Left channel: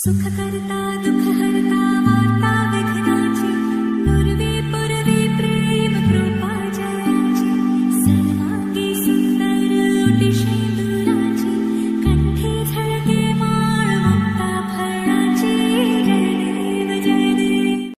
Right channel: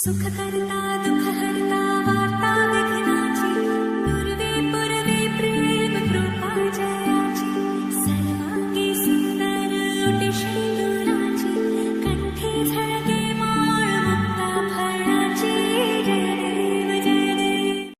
सुखकर्ता दुःखहर्ता वार्ता विघ्नाची नुरवी पुरवी प्रेम कृपा जयाची सर्वांगी सुंदर ओटी शेंदुराची कंठी झळके माळ मुक्ता फळाची जय देव जय देव.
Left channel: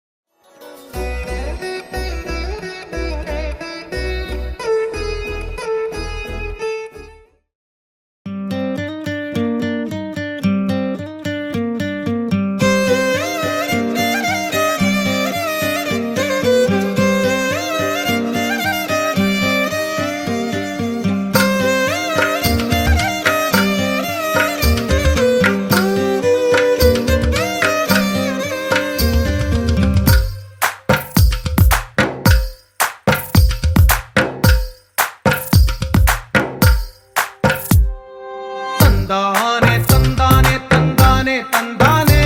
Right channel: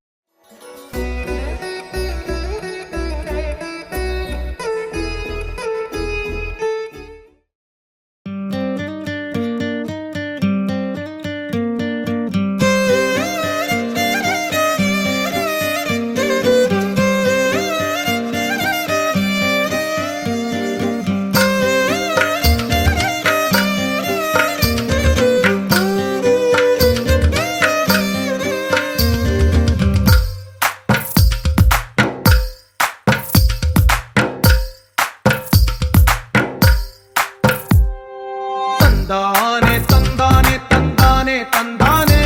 తందానే తందానే తందానే తందానే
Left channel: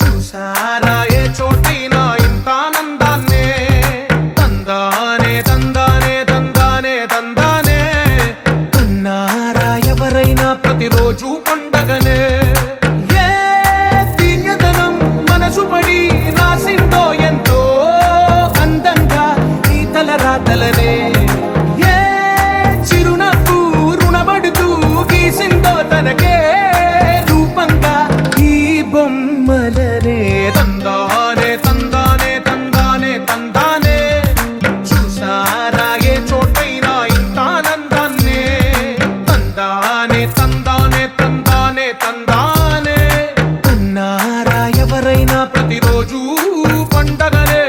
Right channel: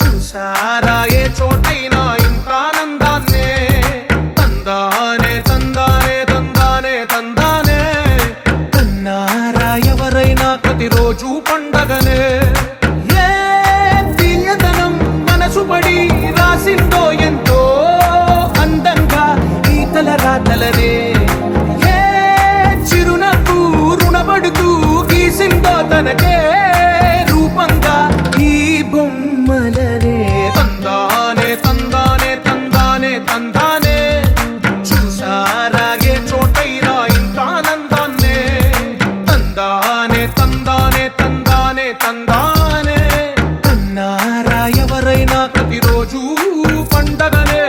చూసారా ఏ చోటైనా ఇంత ఆనందాన్నే తందానే తందానే తందానే తందానే కన్నారా ఎవరైనా ప్రతిరోజు పండగనే ఏ తీయదనం మనసు పడి రాసిందో ఎంతో అందంగా ఈ తలరాతలనే ఏ చిరునవ్వు రుణపడుతూ గీసిందో తనకే రూపంగా ఈ బొమ్మలనే తందానే తందానే తందానే తందానే చూసారా ఏ చోటైనా ఇంత ఆనందాన్నే తందానే తందానే తందానే తందానే కన్నారా ఎవరైనా ప్రతిరోజు పండగనే.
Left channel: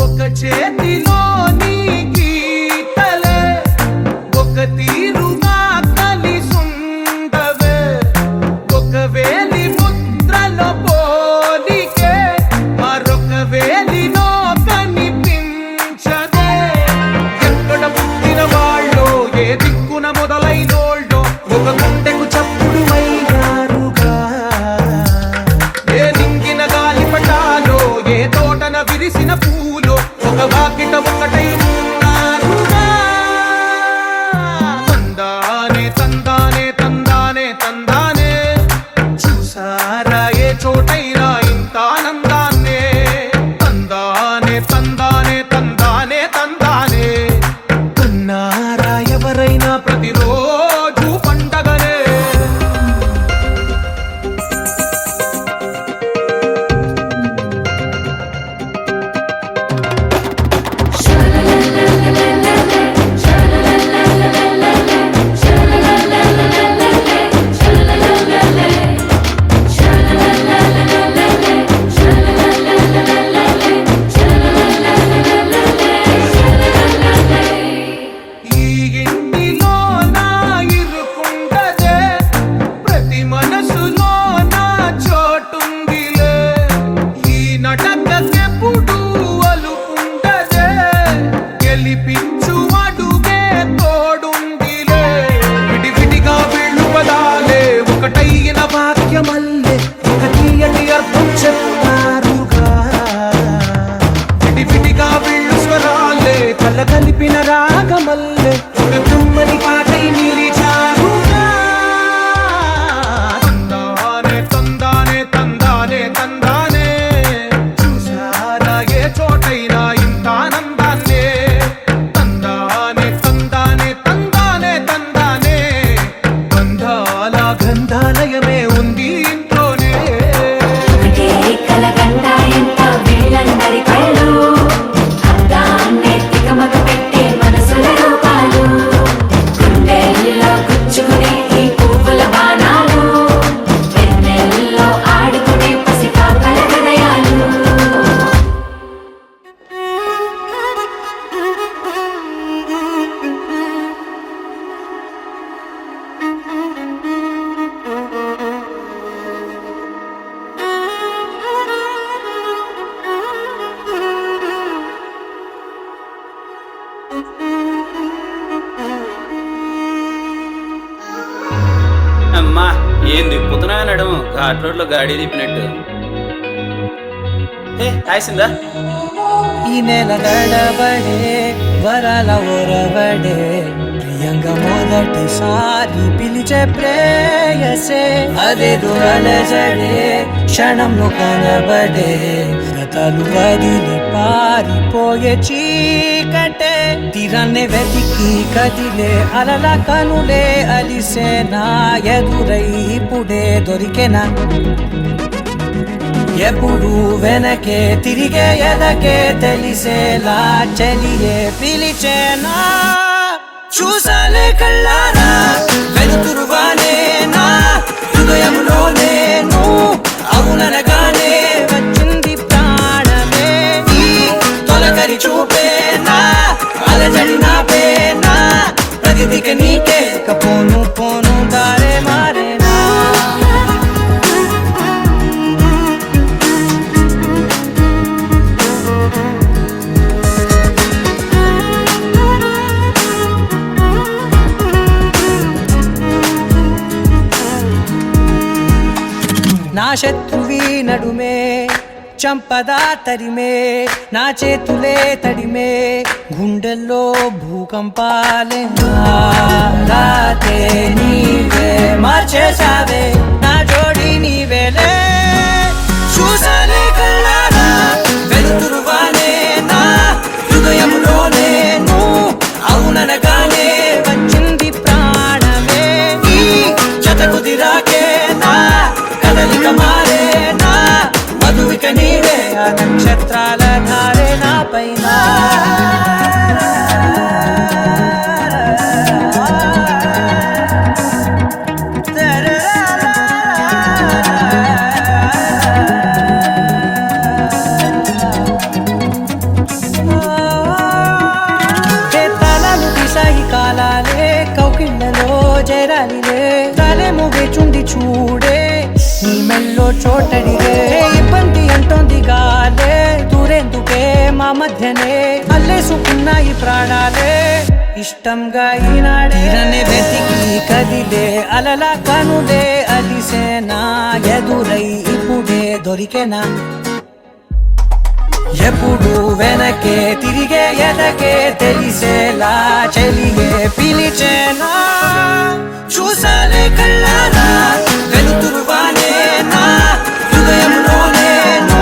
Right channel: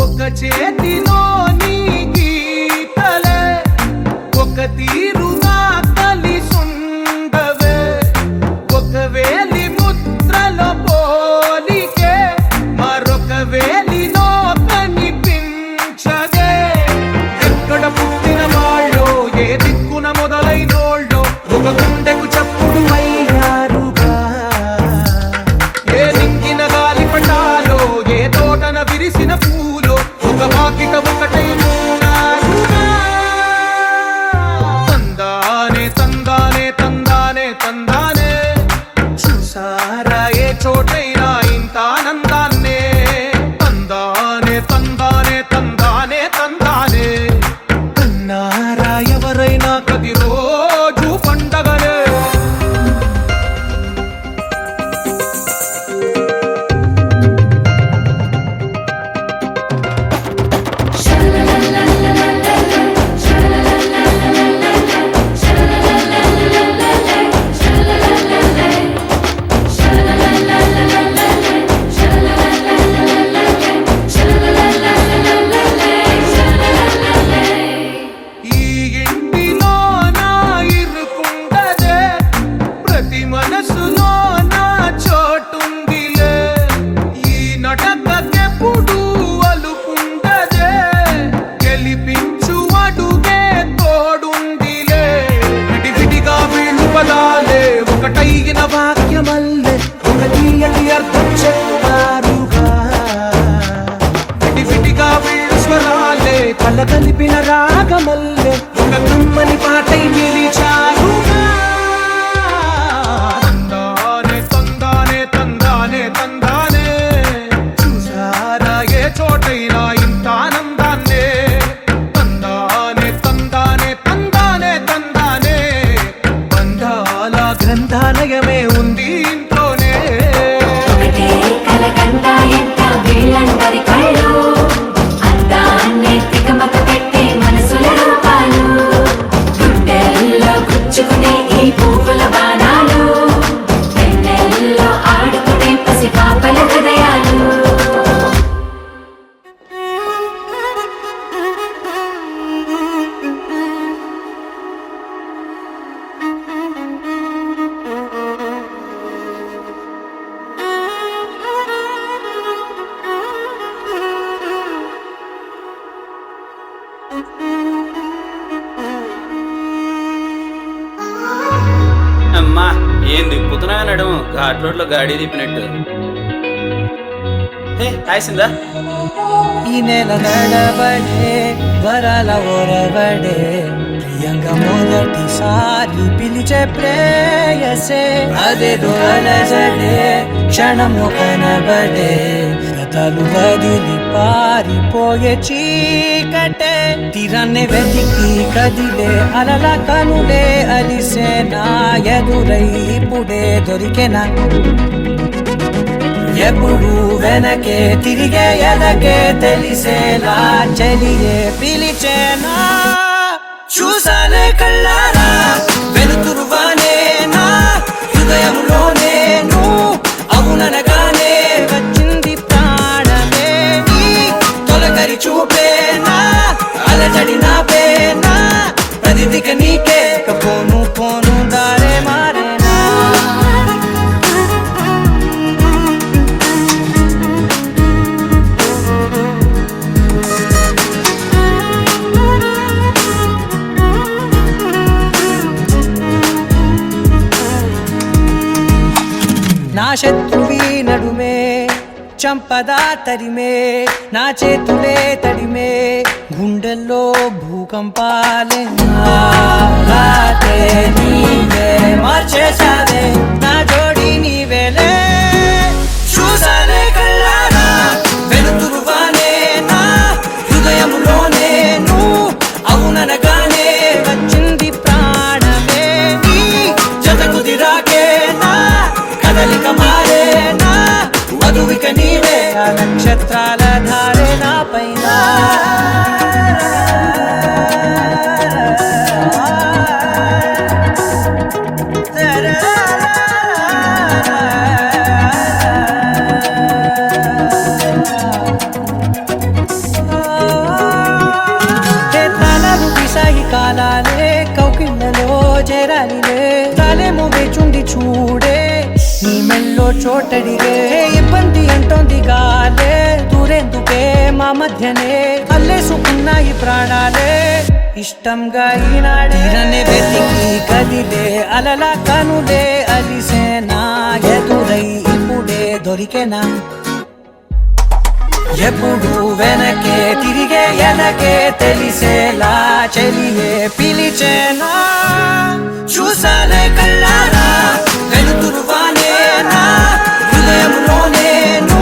ఒక చేతిలో నీ గీతలే ఒక తీరుగా కలిసుండవే ఒక వేలి ముద్రల పోలికే మరొక వేలిలో కనిపించదే ఎక్కడ పుట్టిన వాళ్ళో ఏ దిక్కున మొదలైనోళ్ళో ఒక గుండెకు చప్పుడు అయ్యారుగా ఏ నింగిన గాలి పండాలో ఏ తోటన విరిసిన పూలో ఒక వాకిట ఒకటై ఉన్నారుగా తందానే తందానే తందానే తందానే చూసారా ఏ చోటైనా ఇంత ఆనందాన్నే తందానే తందానే తందానే తందానే కన్నారా ఎవరైనా ప్రతిరోజు పండగనే. ఈ ఇంటిలో నా ఇరుకుండదే ప్రతి మనసులో నా చోటుందిలే ఈ నటకెప్పుడు అలుకుండదే గెలిపించు అడుగే తోడుందిలే విడివిడిగా వీళ్ళు పదాలే ఒకటైన వాక్యమల్లే ఒక తీయటి అర్థం చెప్పారుగా విడివిడిగా వీళ్ళు స్వరాలే కల కలిపిన రాగమల్లే ఒక కమ్మని పాటై నిలిచారుగా తందానే తందానే తందానే తందానే చూసారా ఏ చోటైనా ఇంత ఆనందాన్నే తందానే తందానే తందానే తందానే బంధాల గ్రంథాలయమే ఉంది ఇంట్లోనే. ఒకటే కలకండ ఎంత వీళ్ళందరి కళ్ళు అందాన్నే తికమక పెట్టే మనసుల రూపాలు గుండెల్లో గుచ్చుకునే ఈ పువ్వుల బాణాలు వెన్నెల్లో ఆడుకునే పసి పాప ఏం దిప్పుతున్నా నడుము ఘాట్ రోడ్ లో గాడి తిప్పినట్టు. హే హాయ్సిందా ఈ నెల నడబడే వరాల ఓరబడే ప్రియంగా మొదటిసారి పిలిచే ప్రేయసే అదేదో అలజడే క్షణంలో కనబడే గతాలు వదిలి పారిపోయే చీకటే తీరాన్ని వెతికి కదిలే అలల కనులే అలిసే నా ఎదురై ఇప్పుడే దొరికెనా ఎప్పుడు వెనకే తిరిగే ఎదకే తెలిసేలా చెలియే పిలిచేనా చూసాలే కళ్ళారా వెలుతురువానే నా హృదయంలో నేను అవుననగానే వచ్చింది ప్రాణమే ఈ తొలకరి చూపేనా అలజడి నా పేనా ప్రతిదిక నీకే పోను పోను దారే మారేనా నా శత్రువి నడుమే చంపదా తరిమే నా చేతులే తడిమే గుండెల్లో భూకంపాలే రాతే నీవే మార్చేసావే నా జోడి నీవేలే చూసాలే కళ్ళారా వెలుతురువానే నా హృదయంలో నేను అవుననగానే వచ్చింది ప్రాణమే నీ జత కుదిరాకే నా కదలిక మారేనా మధువిక నీవే ఆ నక్షత్రాల ధారే నా పైన సాగి కాలాలే కౌకిళ్ళలో చేరాలిలే తాలేమో వేచుంది చూడే నీ మెల్లో చోటడిగే ఇబ్బంది అంటోంది గాలే దూరేందుకే మా మధ్యనే అల్లేసుకున్నాయి ప్రాణాలే ఇష్టంగా ఈనాడే తీరనే వెతికి కదిలే అలల కనులే అలిసేనా ఎదురై ఇప్పుడే దొరికెనా ఎప్పుడు వెనకే తిరిగే ఎదకే తెలిసేలా చెలియే పిలిచేనా చూసాలే కళ్ళారా వెలుతురువానే నా హృదయంలో నేను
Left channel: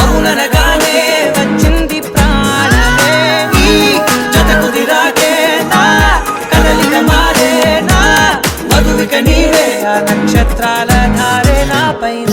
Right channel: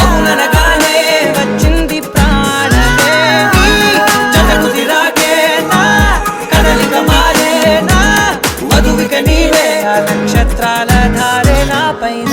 అవుననగానే వచ్చింది ప్రాణమే నీ జత కుదిరాకే నా కదలిక మారేనా మధువిక నీవే ఆ నక్షత్రాల ధారే నా పైన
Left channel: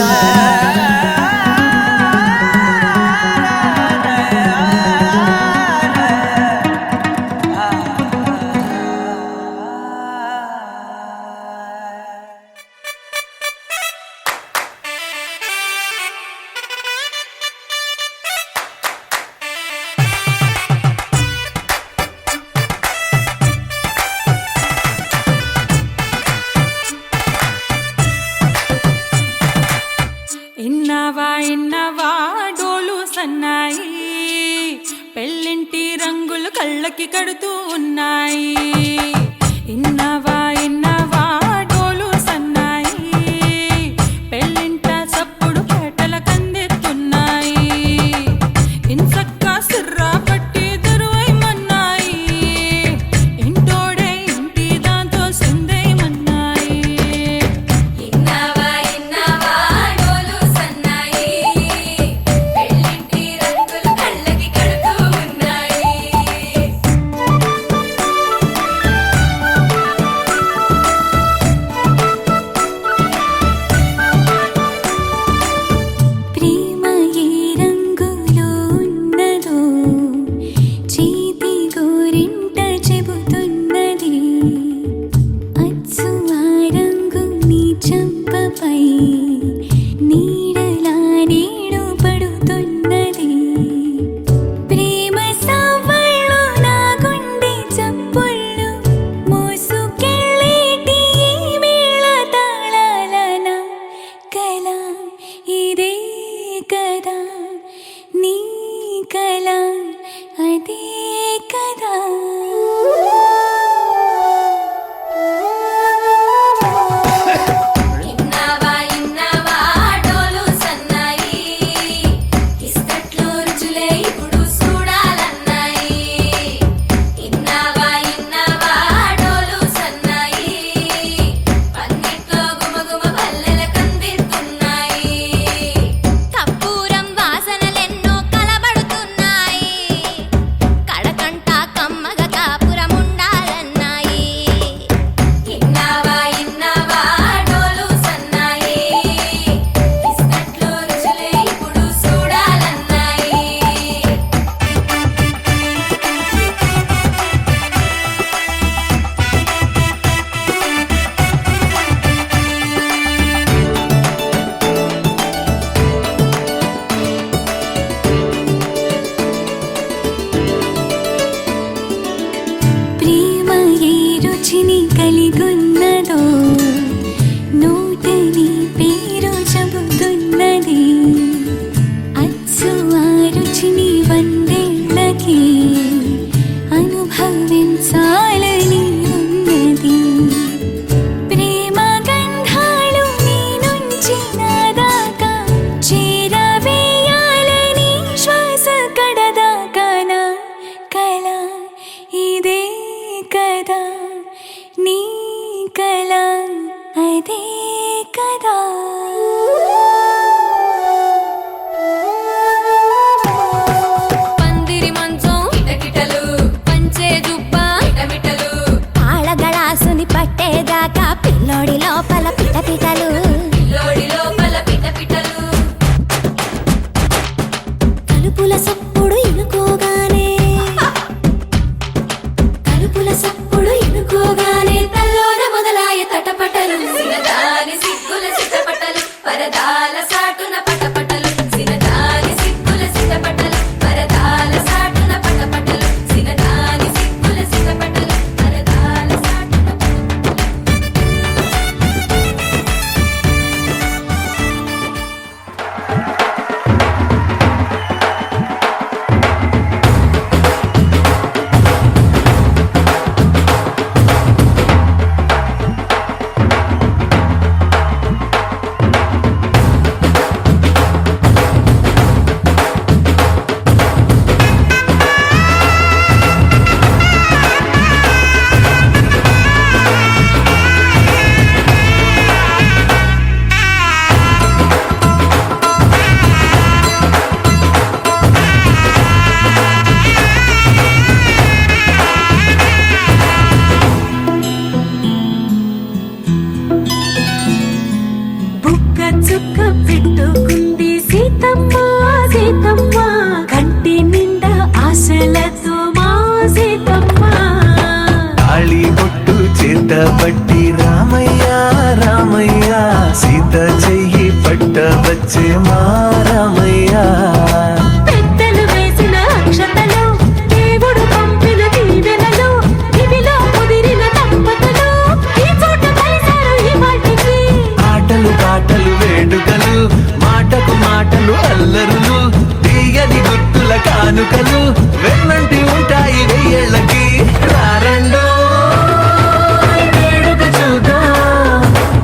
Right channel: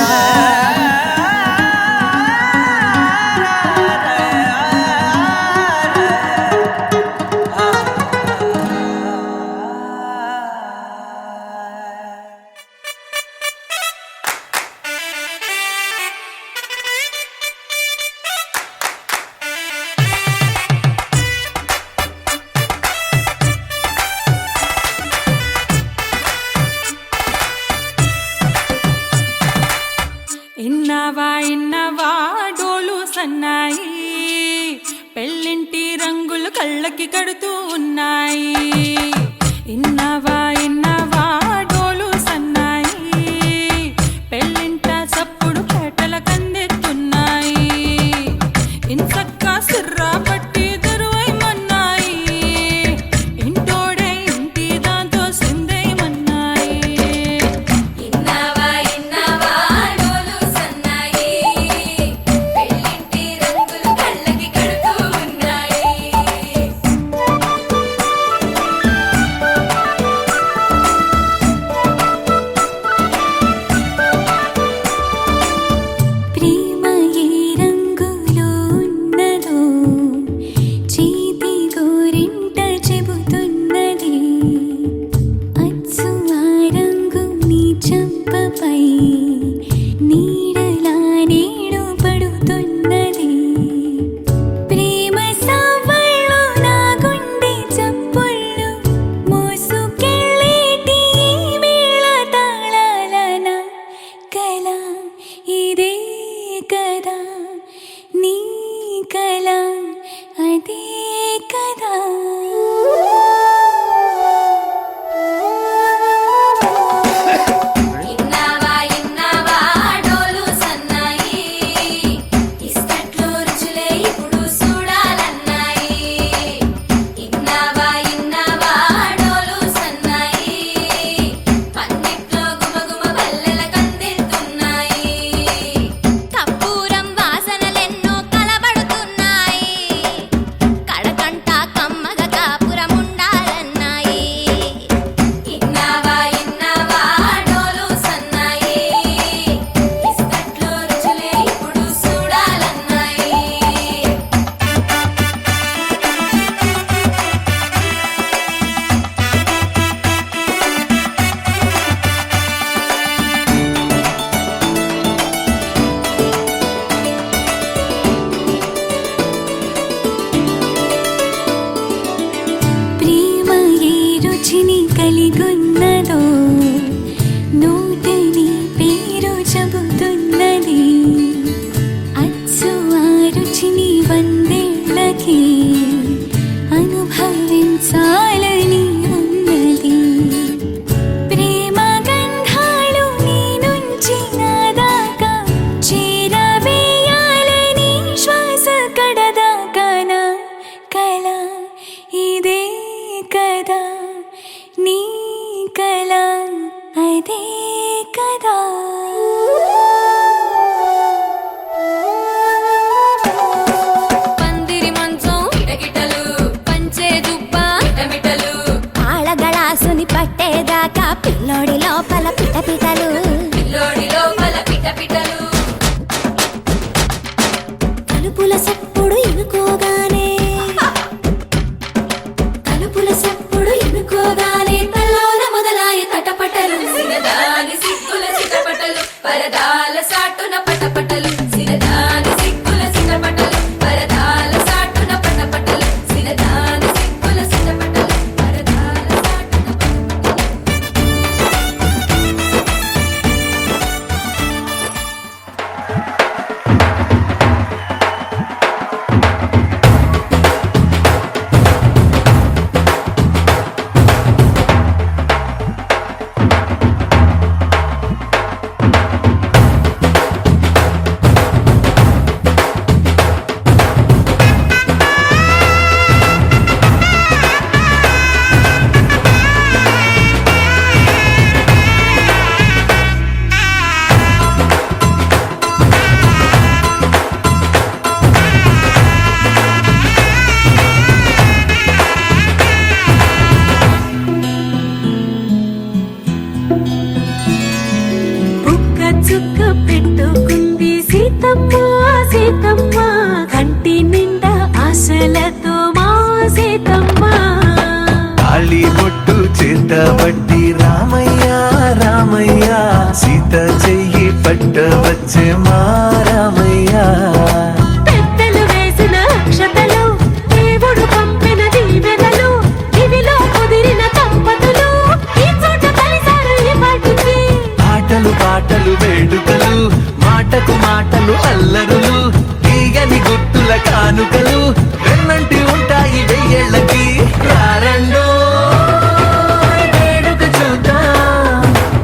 ఇన్నవా డోలు సన్నాయి పెళ్ళింటి రంగులు కళ్ళకి కడుతూ ఉన్నాయి ఇన్నవా డోలు సన్నాయి పెళ్ళింట సప్పుడు పేటల కందెత్తున్నాయి ఇన్సక్క సిర్రా పట్టి దరువైమన్నాయి ఇంటోడే ఇంటి దాంతో సిందేయమన్నాయి ఇన్నవా డోలు సన్నాయి పెళ్ళింటి రంగులు కళ్ళకి కడుతూ ఉన్నాయి ప్రేమ ఏ రంగులో ఉన్నదో వందేళ్ళకి అనుభవించాలని ఉన్నది ప్రేమ గంధాలు నీ నుంచి నా దాకా చేరవేయాలని శ్వాస కడదాకా నా కల ఇదే కదా నీ కల అదే కదా పందిరి మంచం కిటకిటలు పంచే జుబ్బా మిటమిటలు ఆళగళాసుని పట్టేదాకా పిల్లోడి లోపల పిటపిటలు పిల్లోడి లోపల పిటపిటలు తలుపుల సప్పుడు ఇనుకోగానే తలుపుల సప్పుడు ఇనుకోగానే తల్లోన మొదలాయ తటపటలు సిరదాని సిగ్గుల సిటపటలు పరదాల సాటున పటపటలు సిరదాని సిగ్గుల సిటపటలు పరదాల సాటున పటపటలు సిరదాని సిగ్గుల సిటపటలు పరదాల సాటున బుక్క చుక్క పెట్టుకుంది సీతమ్మ సీతమ్మ కంటి నిండా ఆశలతో మా సీతమ్మ తాళి బొట్టు చేత బట్టి రామయ్య రామయ్య సీత చెయ్యి పట్ట వచ్చే మా రామయ్య పెద్దలు వేసిన అక్షతలు దేవుడు పంపిన దీవెనలు ఇవిలో కుదిరిన దంపతులు ఈ చోట కలిసారు ఈ వాటికి ఆటలు పాటలు వేడుకలు మాటకు మాటలు అల్లరులు తీయని గుర్తుల కానుకలు వెన్నంటి ఉంటాయి వెయ్యేళ్ళకి రారండో వేడుక చూద్దాం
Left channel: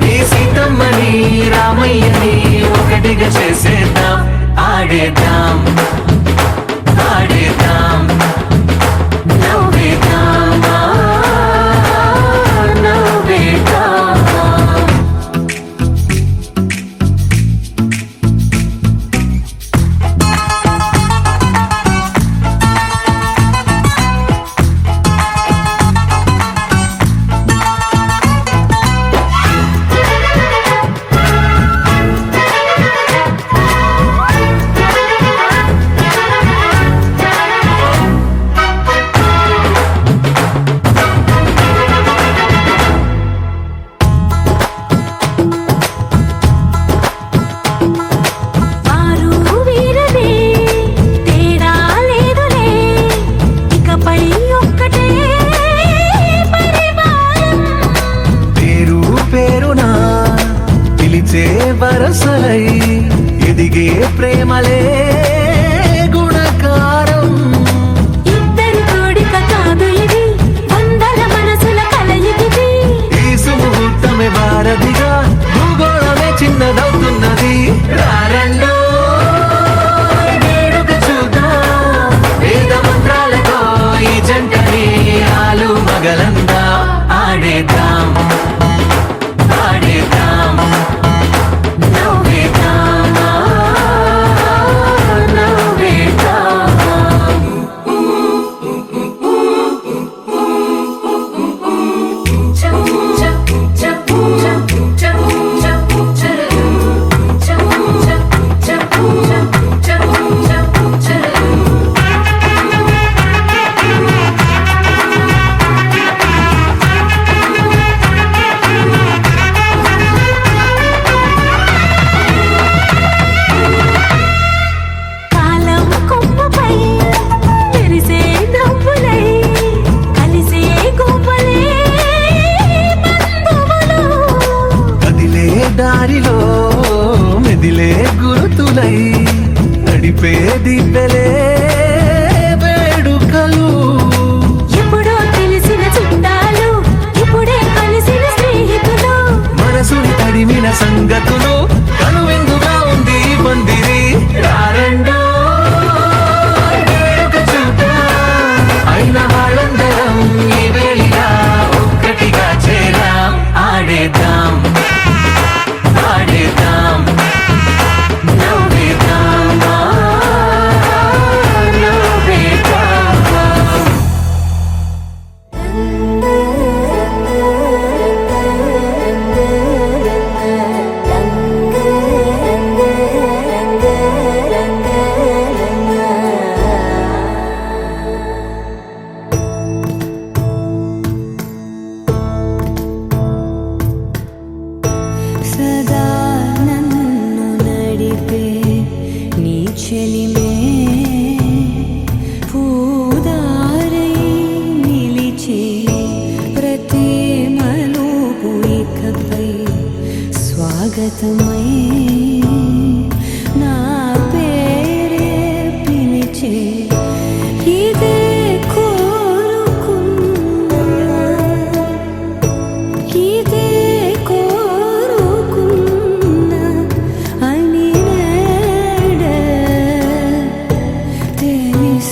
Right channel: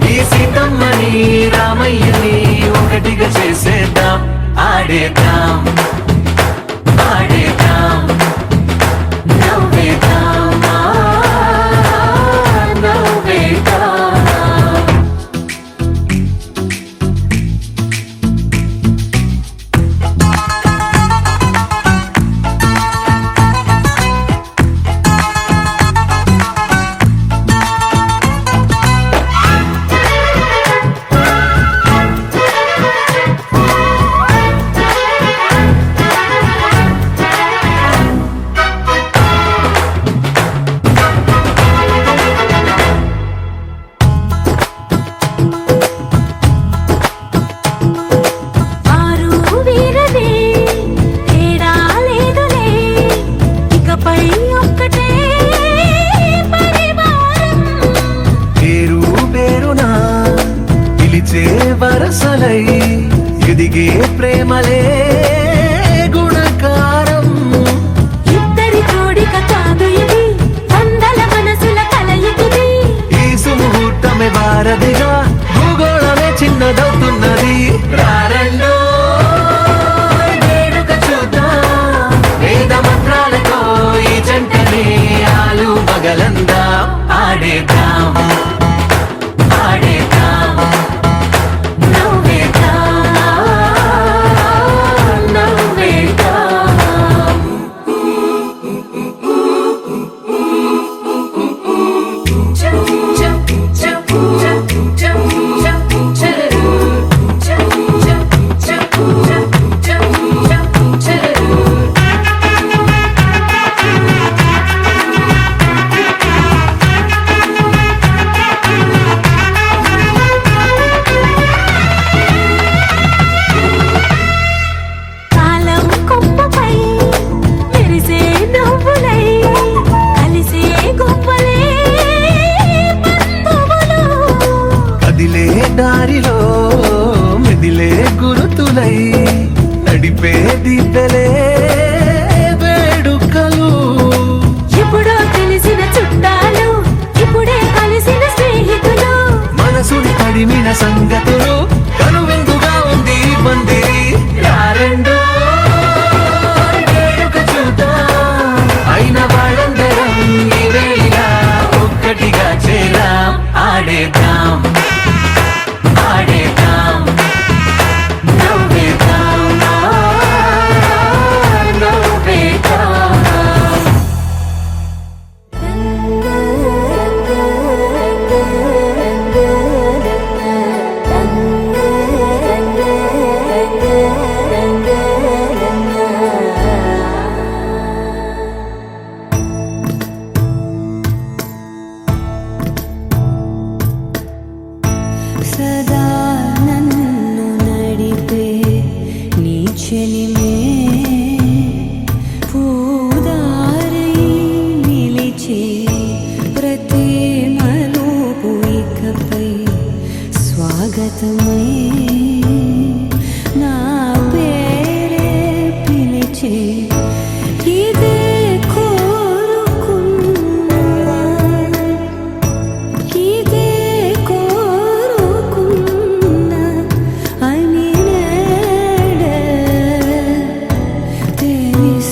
ఈ సీతమ్మని రామయ్యని ఒకటిగా చేసేద్దాం ఆడేద్దాం ఆడేద్దాం నవ్వేద్దాం నవ్వేద్దాం వారు వీరనే తేడా లేదులే ఇకపై ఒక్కటే పరివారం పేరు పేరునా పిలిచే వరసలై ఎదిగే ప్రేమలే గుణకారం ఇద్దరి కోడిక కాదు ఇది వందల మనసుల కలయికిది ఈ సుముహూర్తమే వారధిగా భూగోళమే చిన్నదవుతున్నది రారండో వేడుక చూద్దాం వేద మంత్రాలతో ఈ జంటని ఆలు మగలందా ఆడేద్దాం ఆడేద్దాం నవ్వేద్దాం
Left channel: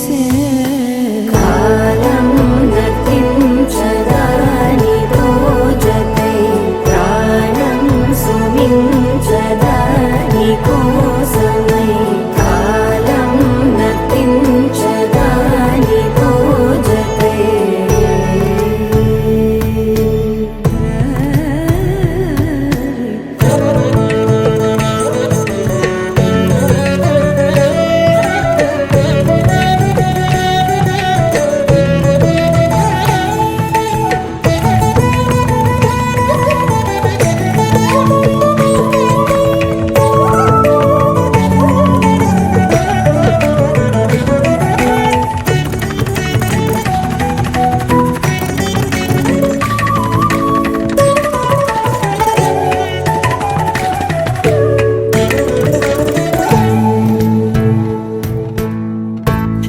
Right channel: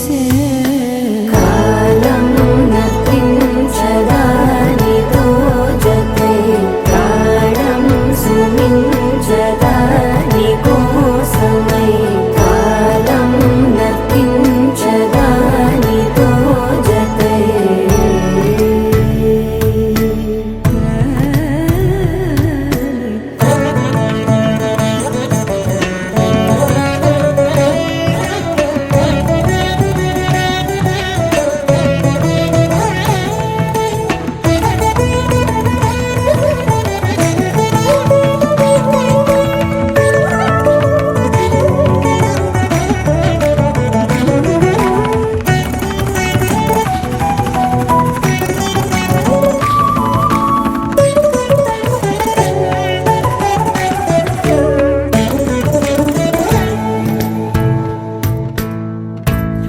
చూసే కాలం నర్తించదానితో జతై ప్రాణం సుమించదాని కోసమై కాలం నర్తించదానితో జతై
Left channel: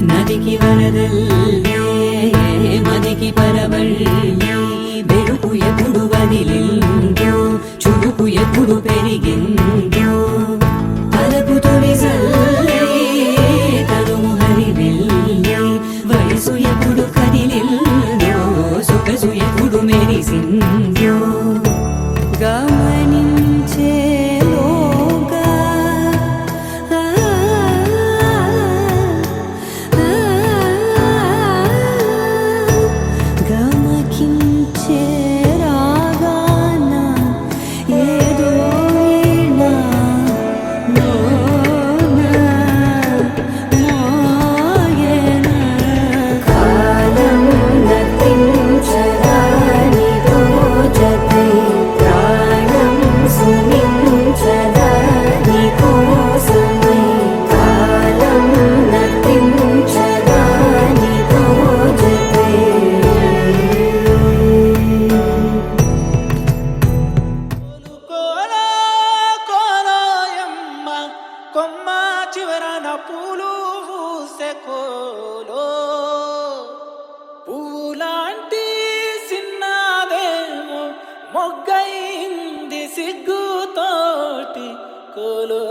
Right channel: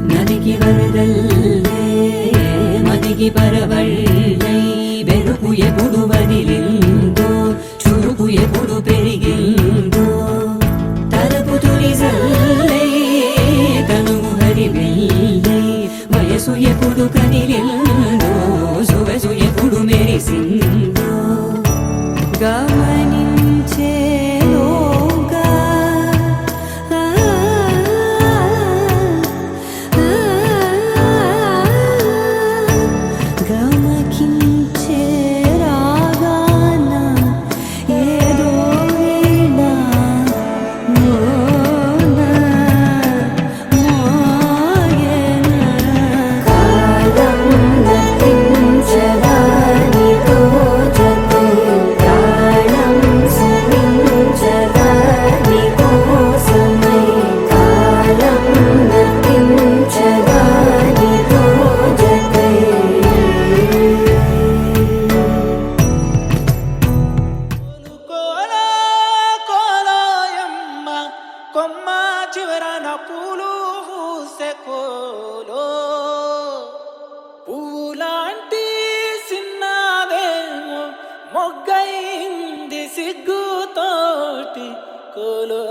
నదికి వరదల్లే మదికి పరవళ్ళే వెలుపు ఎప్పుడు వదిలిందో చూపు ఎప్పుడు పెరిగిందో తలపు తొలి సల్లే తనుము హరిమెల్లే వయసు ఎప్పుడు కదిలిందో సొగసు ఎప్పుడు మెరిసిందో గమనించేలోగా గమకించే రాగాన ఏదో వీణ మోన మోయన కాలం నర్తించదానితో జతై ప్రాణం సుమించదాని కోసమై కాలం నర్తించదానితో జతై కోలో కోలోయమ్మ కొమ్మ చివరన పూలు పూసే కోలో పువ్వులాంటి సిన్నదేమో మొగ్గైంది సిగ్గుతోటి కోలోయమ్మ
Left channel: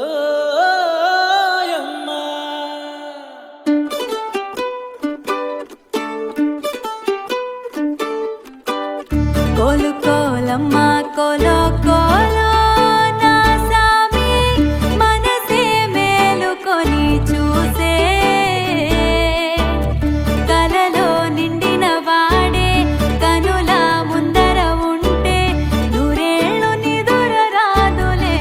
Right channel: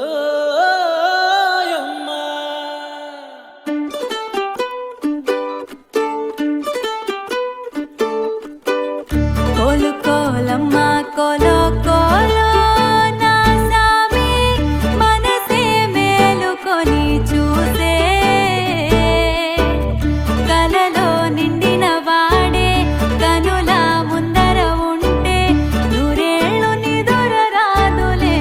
కోలు కోలమ్మ కోలో కోలో నా సామి మనసే మేలుకొని చూసే కలలో నిండిన వాడే కనుల ముందర ఉంటే నూరేళ్ళు నిదుర రాదులే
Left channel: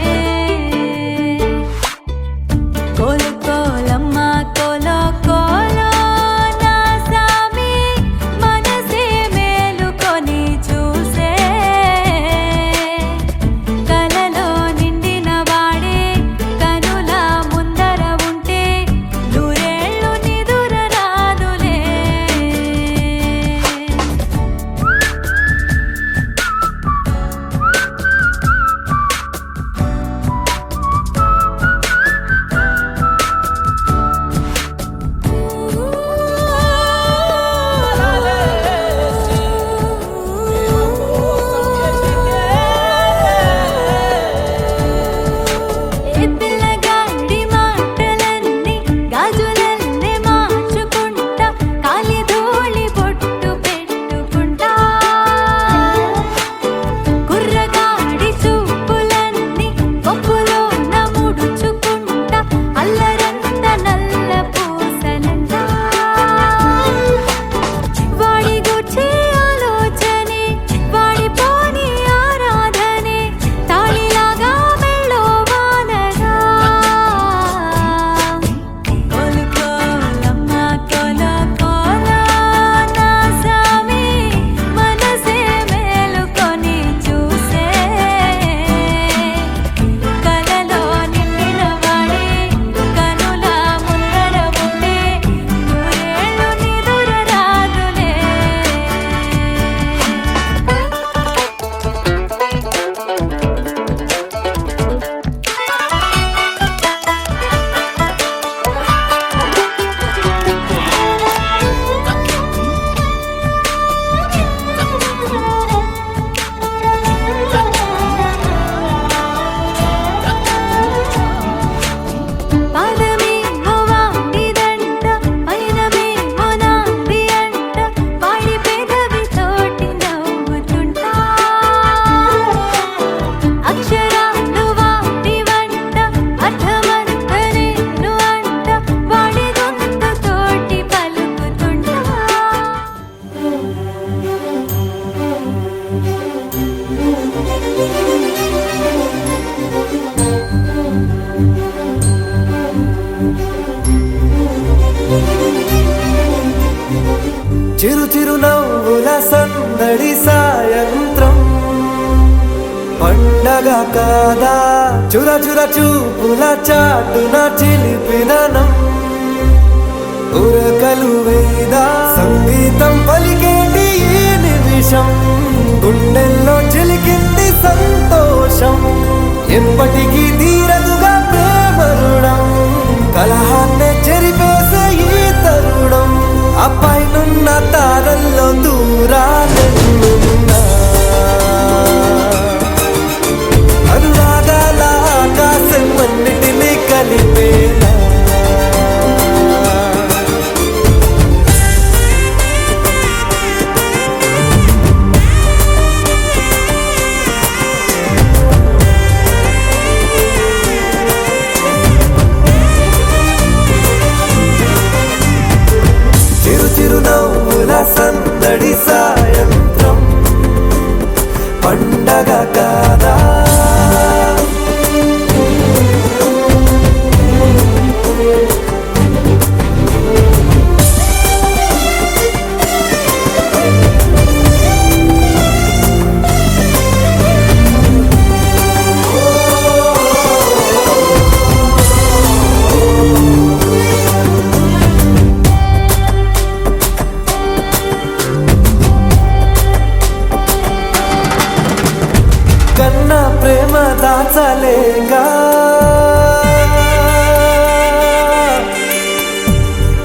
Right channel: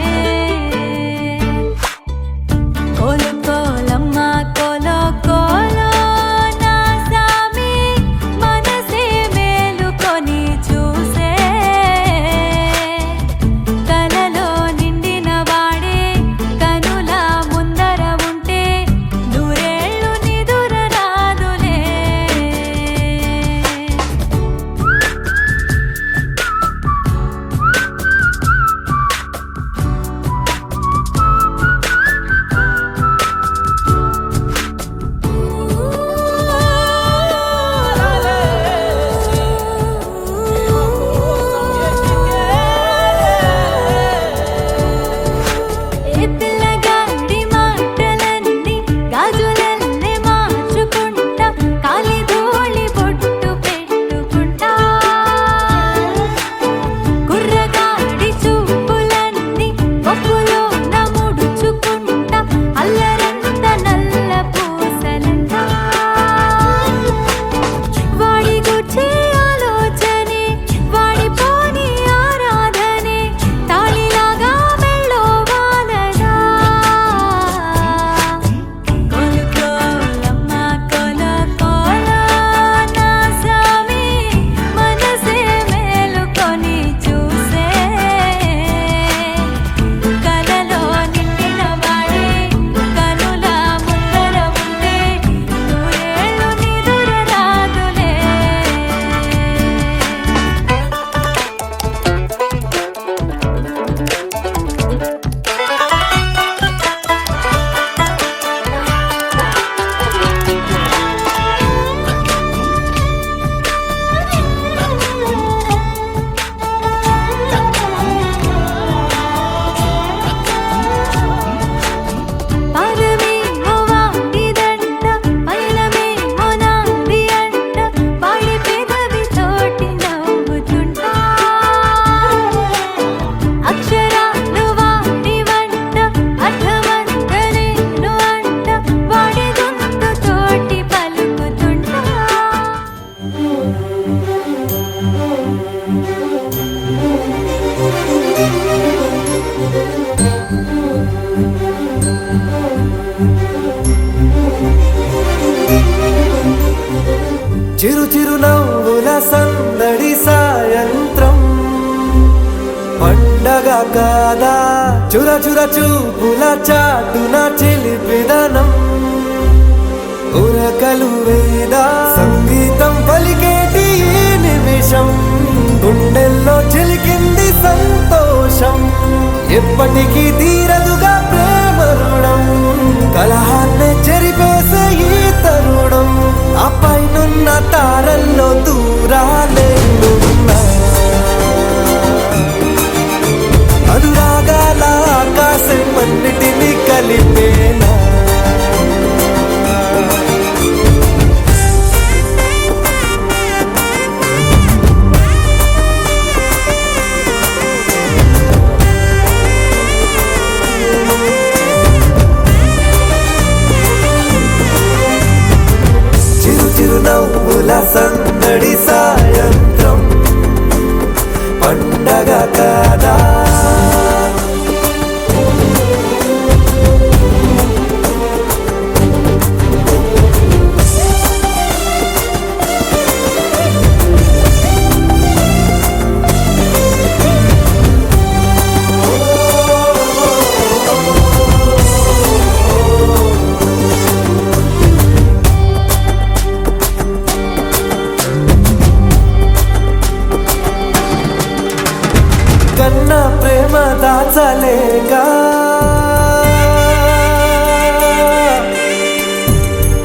కోలు కోలమ్మ కోలో కోలో నా సామి మనసే మేలుకొని చూసే చిరు చిరు నవ్వుల సందడి సాయంత్రం పండగ కాదా చుర చుర చూపుల చాటున చిలిపిదనం ఉరకలు వేదా సంగీతం పలికేటి ఈ నిమిషం గుండెల్లో చిలికింది సంతోషం ఎప్పటికీ తీరదుగా ప్రేమ రుణం కలహాన్నే చెరిపేసే ఈ తరుణం ఆ పైనున్న తారల్లో దూరాలే అనువాదాల ఆకాశం అన్నిటినీ కలిపేలా చిరునవ్వుల సందడి సాయంత్రం పండగ కాదా కన్నా ప్రేమ దాచలేక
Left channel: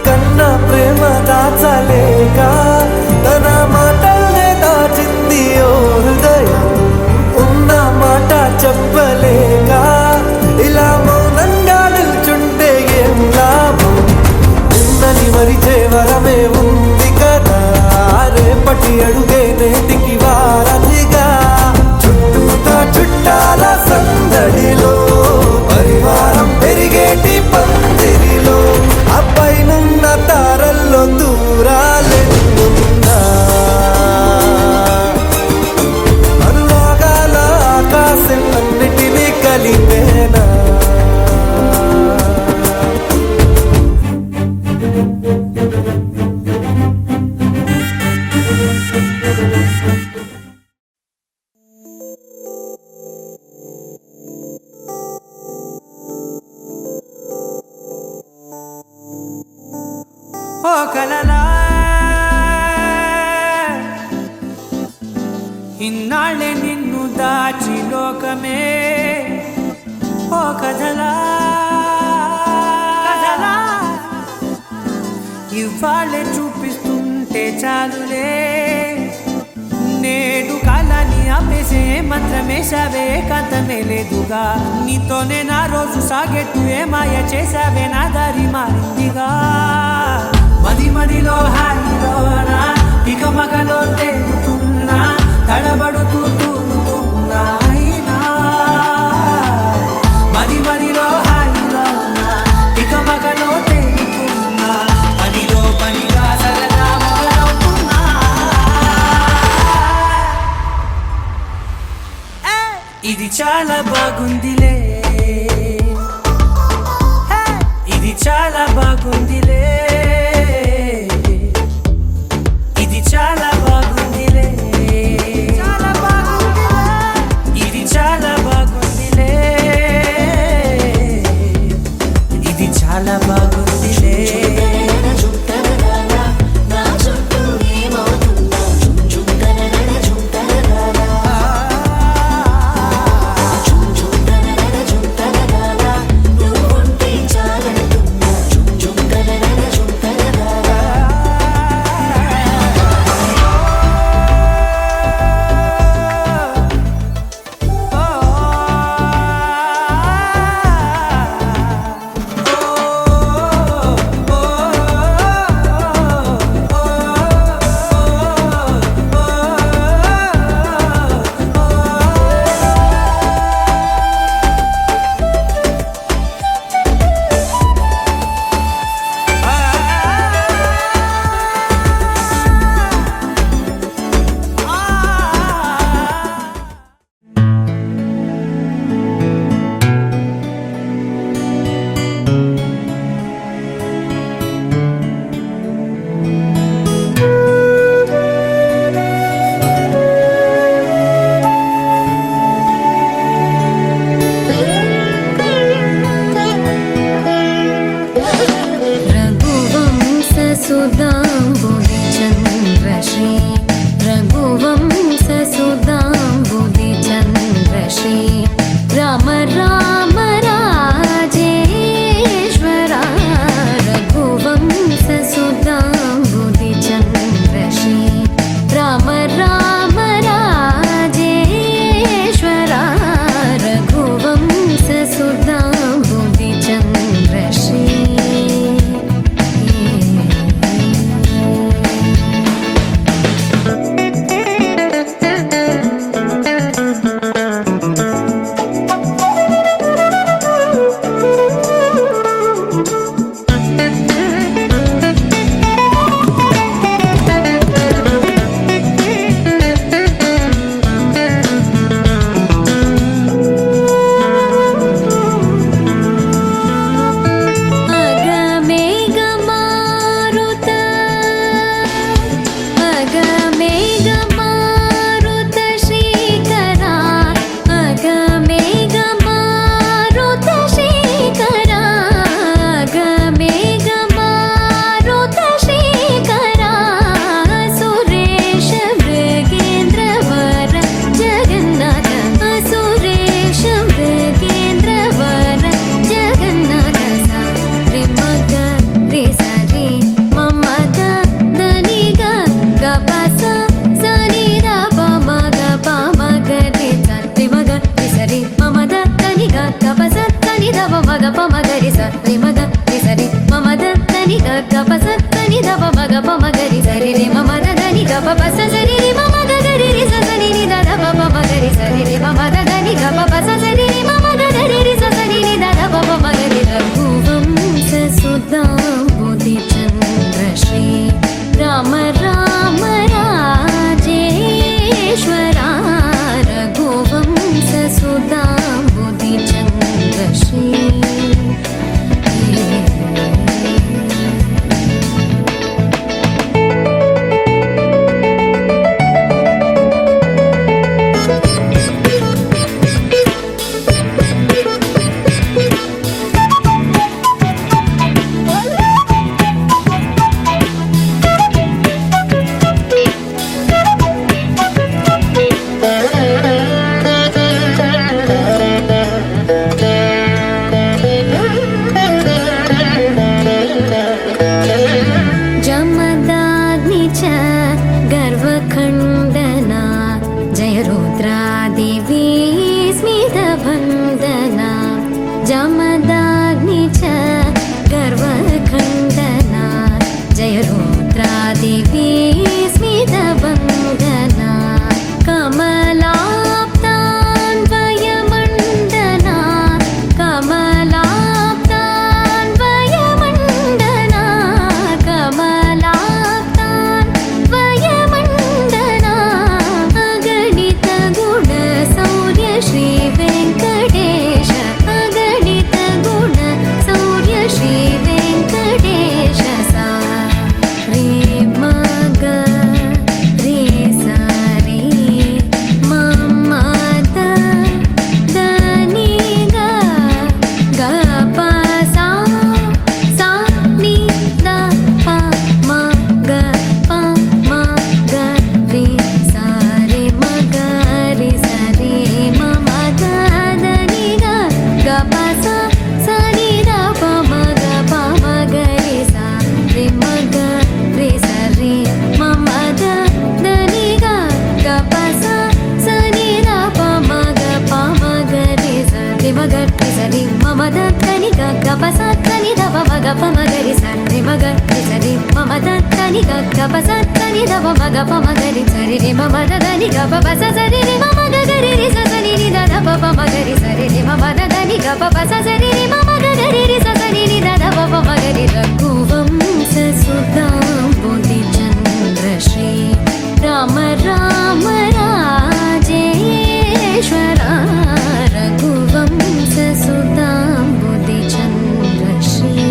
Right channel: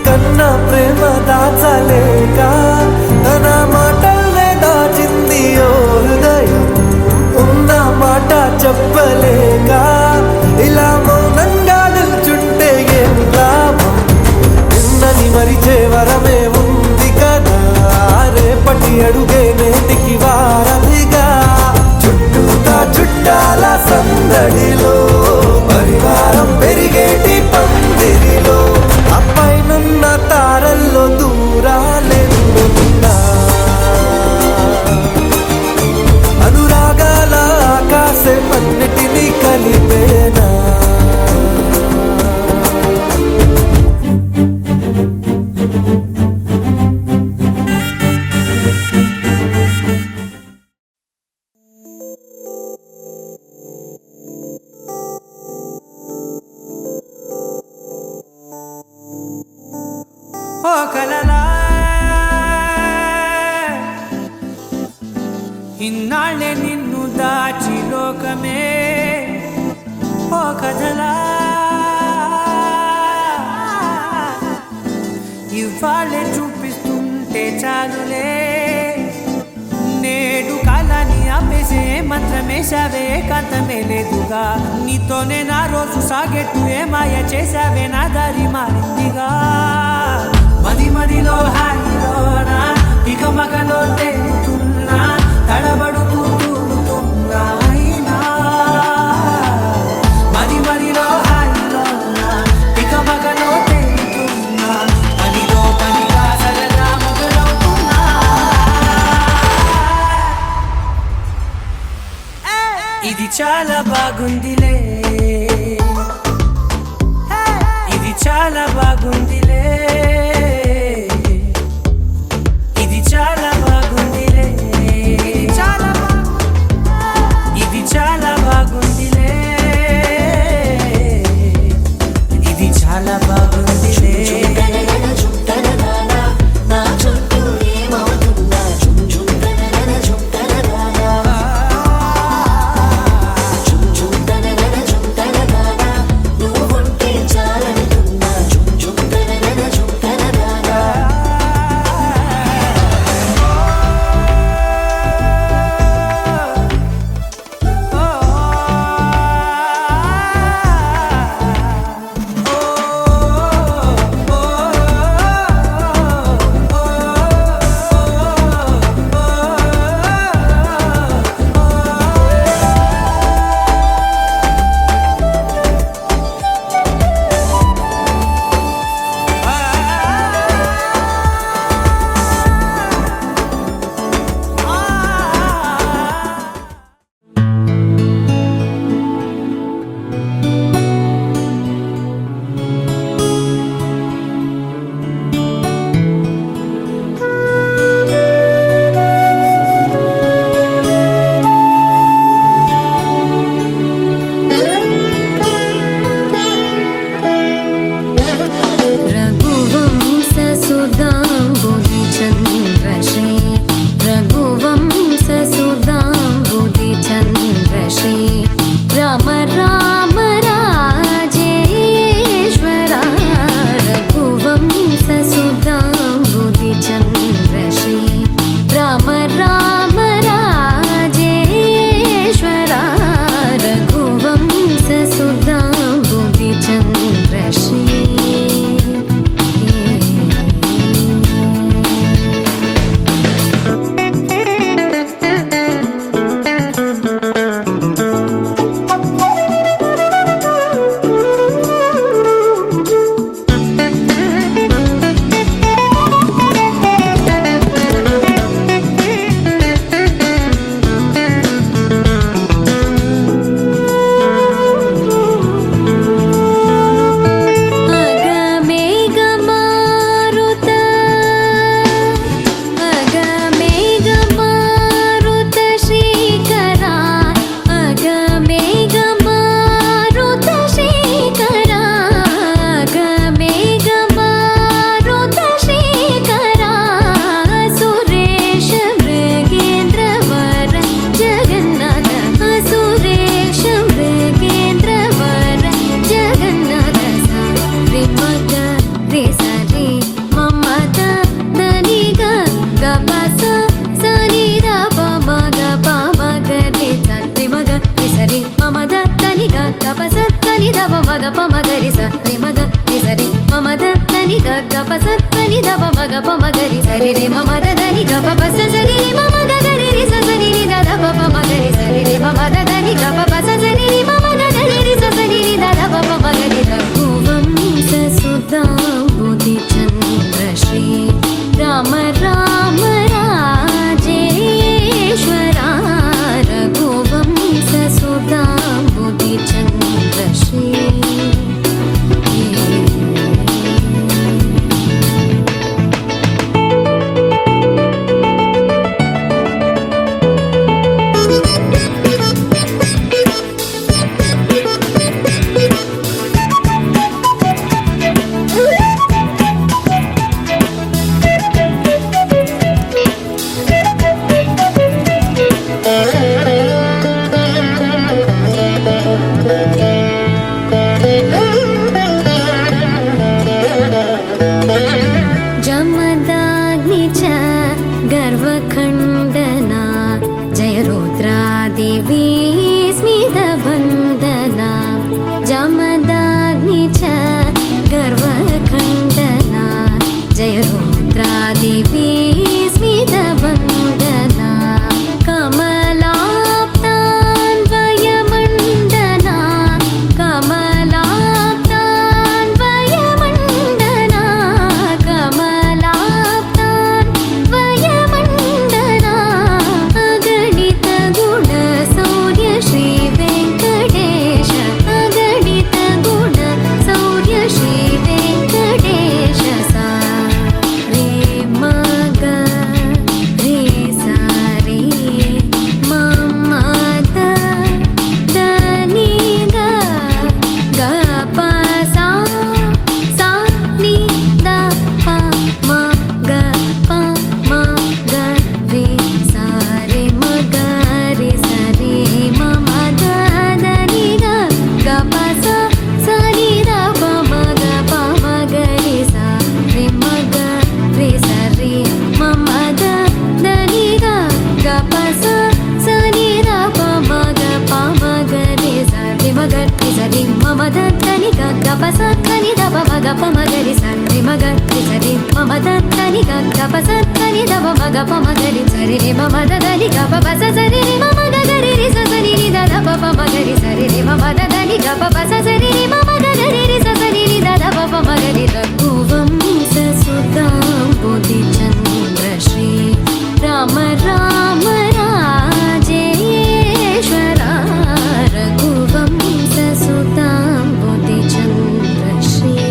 కన్నా ప్రేమ దాచలేక తన మాటల్నే దాచింది ఓ హృదయం ఉన్న మాట చెప్పలేక ఇలా మౌనంగా నిల్చుంటే ఏం లాభం నిన్నని మరిచే వరమే ఉంది కదా రేపటి అడుగే నేటికి వారధిగా చుట్టూతా చుట్టాల సందడిలో పరివారం పెరిగేటి పందిరిలో అప్పైనున్న తారల్లో దూరాలే అనురాగాల ఆకాశం అన్నిటినీ కలిపేనా ఓ కలలా ఇన్నాళ్ళే నిన్ను దాచి లోకమే ఓ కథలా ఇవాళ్ళే చూపిస్తుంటే చాలులే నేడు కాలాన్ని ఆపేసే మంత్రమేశావే కాంతమే లేదుగా నీతోనే నా రోజు సాగెట్టు ఏ మాయ చేశావే నా దారి మారిందిగా మది మదిలో హాయిలోనా ఇక మగలో తేలుతున్నా తడబడుతూ తూలుతున్నా అయినా మది మదిలో హాయిలోనా ఇక మగలో తేలుతున్నా పనిలో పనిగా సరదా మొదలవుతున్నా ఇది చాలా బాగుందిలే ఇది చాలా బాగుందిలే ఇది చాలా బాగుందిలే చాలా బాగుందిలే ఇది చాలా బాగుందిలే ఇది చాలా బాగుందిలే మగ ప మగరి సరి మగ రి సరి మమ దని గ ప సని దవ మగ ప మగరి సరి రే మమ దని గ ప సరి రే మమ గరి రి సని ని ద ప మగరి సరి రే మమ దని గ ప సరి రే మమ గరి రి సని ని ద ప మగరి రఘువంశ సుధాంబుధి చంద్ర శ్రీ రామ రామ రాజేశ్వరా రఘువంశ సుధాంబుధి చంద్ర శ్రీ जमदाग्नि च गर्वखण्डना जय रुद्रादेवी स्मितभन्दना जमदाग्नि च गर्वखण्डना जय रुद्रादेवी स्मितभन्दना कमलाप्तान्वयमण्डना कमलाप्तान्वयमण्डना कमलाप्तान्वयमण्डना अगणित गुण सौर्य श्री वेङ्कटेश अगणित गुण सौर्य श्री वेङ्कटेश सा रे मग रे सा रे मम द नी ग ग प सा नि द प म ग प म ग रे सा रे म ग रे सा रे म म द नि ग ग प सा नि द प म ग प म ग रे सा रे म ग रे सा रे म म द नि ग ग प सा नि द प म ग प म ग रे सा रे म ग रे सा रे म म द नि ग ग प नि द प म ग प म ग रे सा रे म ग रे सा रे म म द नि ग ग प नि द प म ग प म ग रे सा रे रे म म द नि ग प सा रे रे म म ग ग रे रे सा नि नि द प प म ग रे सा रे रे म म द नि ग प सा रे रे म म ग ग रे रे सा नि नि द प प म ग रे रघुवंश सुधांबुधि चंद्र श्री राम राम राजेश्वरा रघुवंश सुधांबुधि चंद्र श्री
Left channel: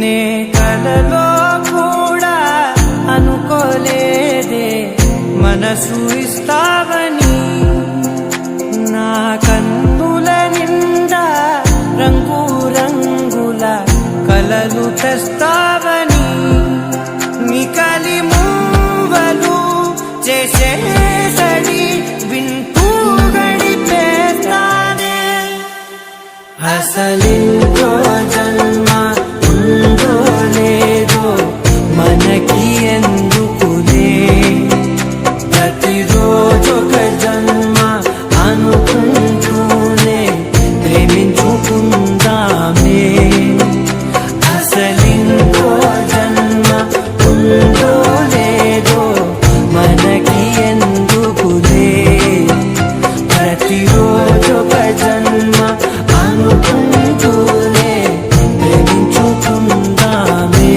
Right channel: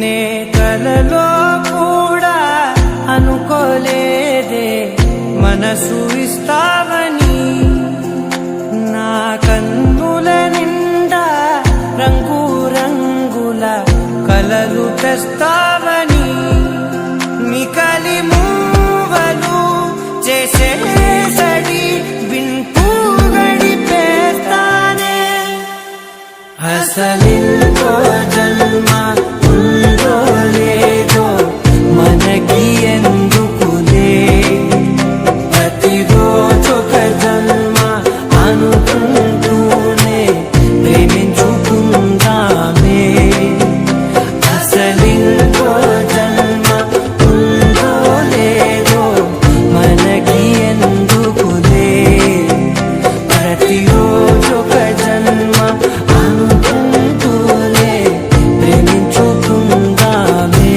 నే కలలో కూడా అనుకోలేదే మనసు ఇస్తావని నా కన్నుల నిండా రంగు రంగుల కలలు తెస్తావని నికలి మూవలు చేసేసడి వింటూ గడిపేస్తానే అసలింకో జన్మ ఉందో లేదో మనకి ఎందుకులే ప్రతిరోజొక జన్మ అనుకుంటూనే ప్రేమించుకుందామే అసలింకో జన్మ ఉందో లేదో మనకి ఎందుకులే ప్రతిరోజొక జన్మ అనుకుంటూనే ప్రేమించుకుందామే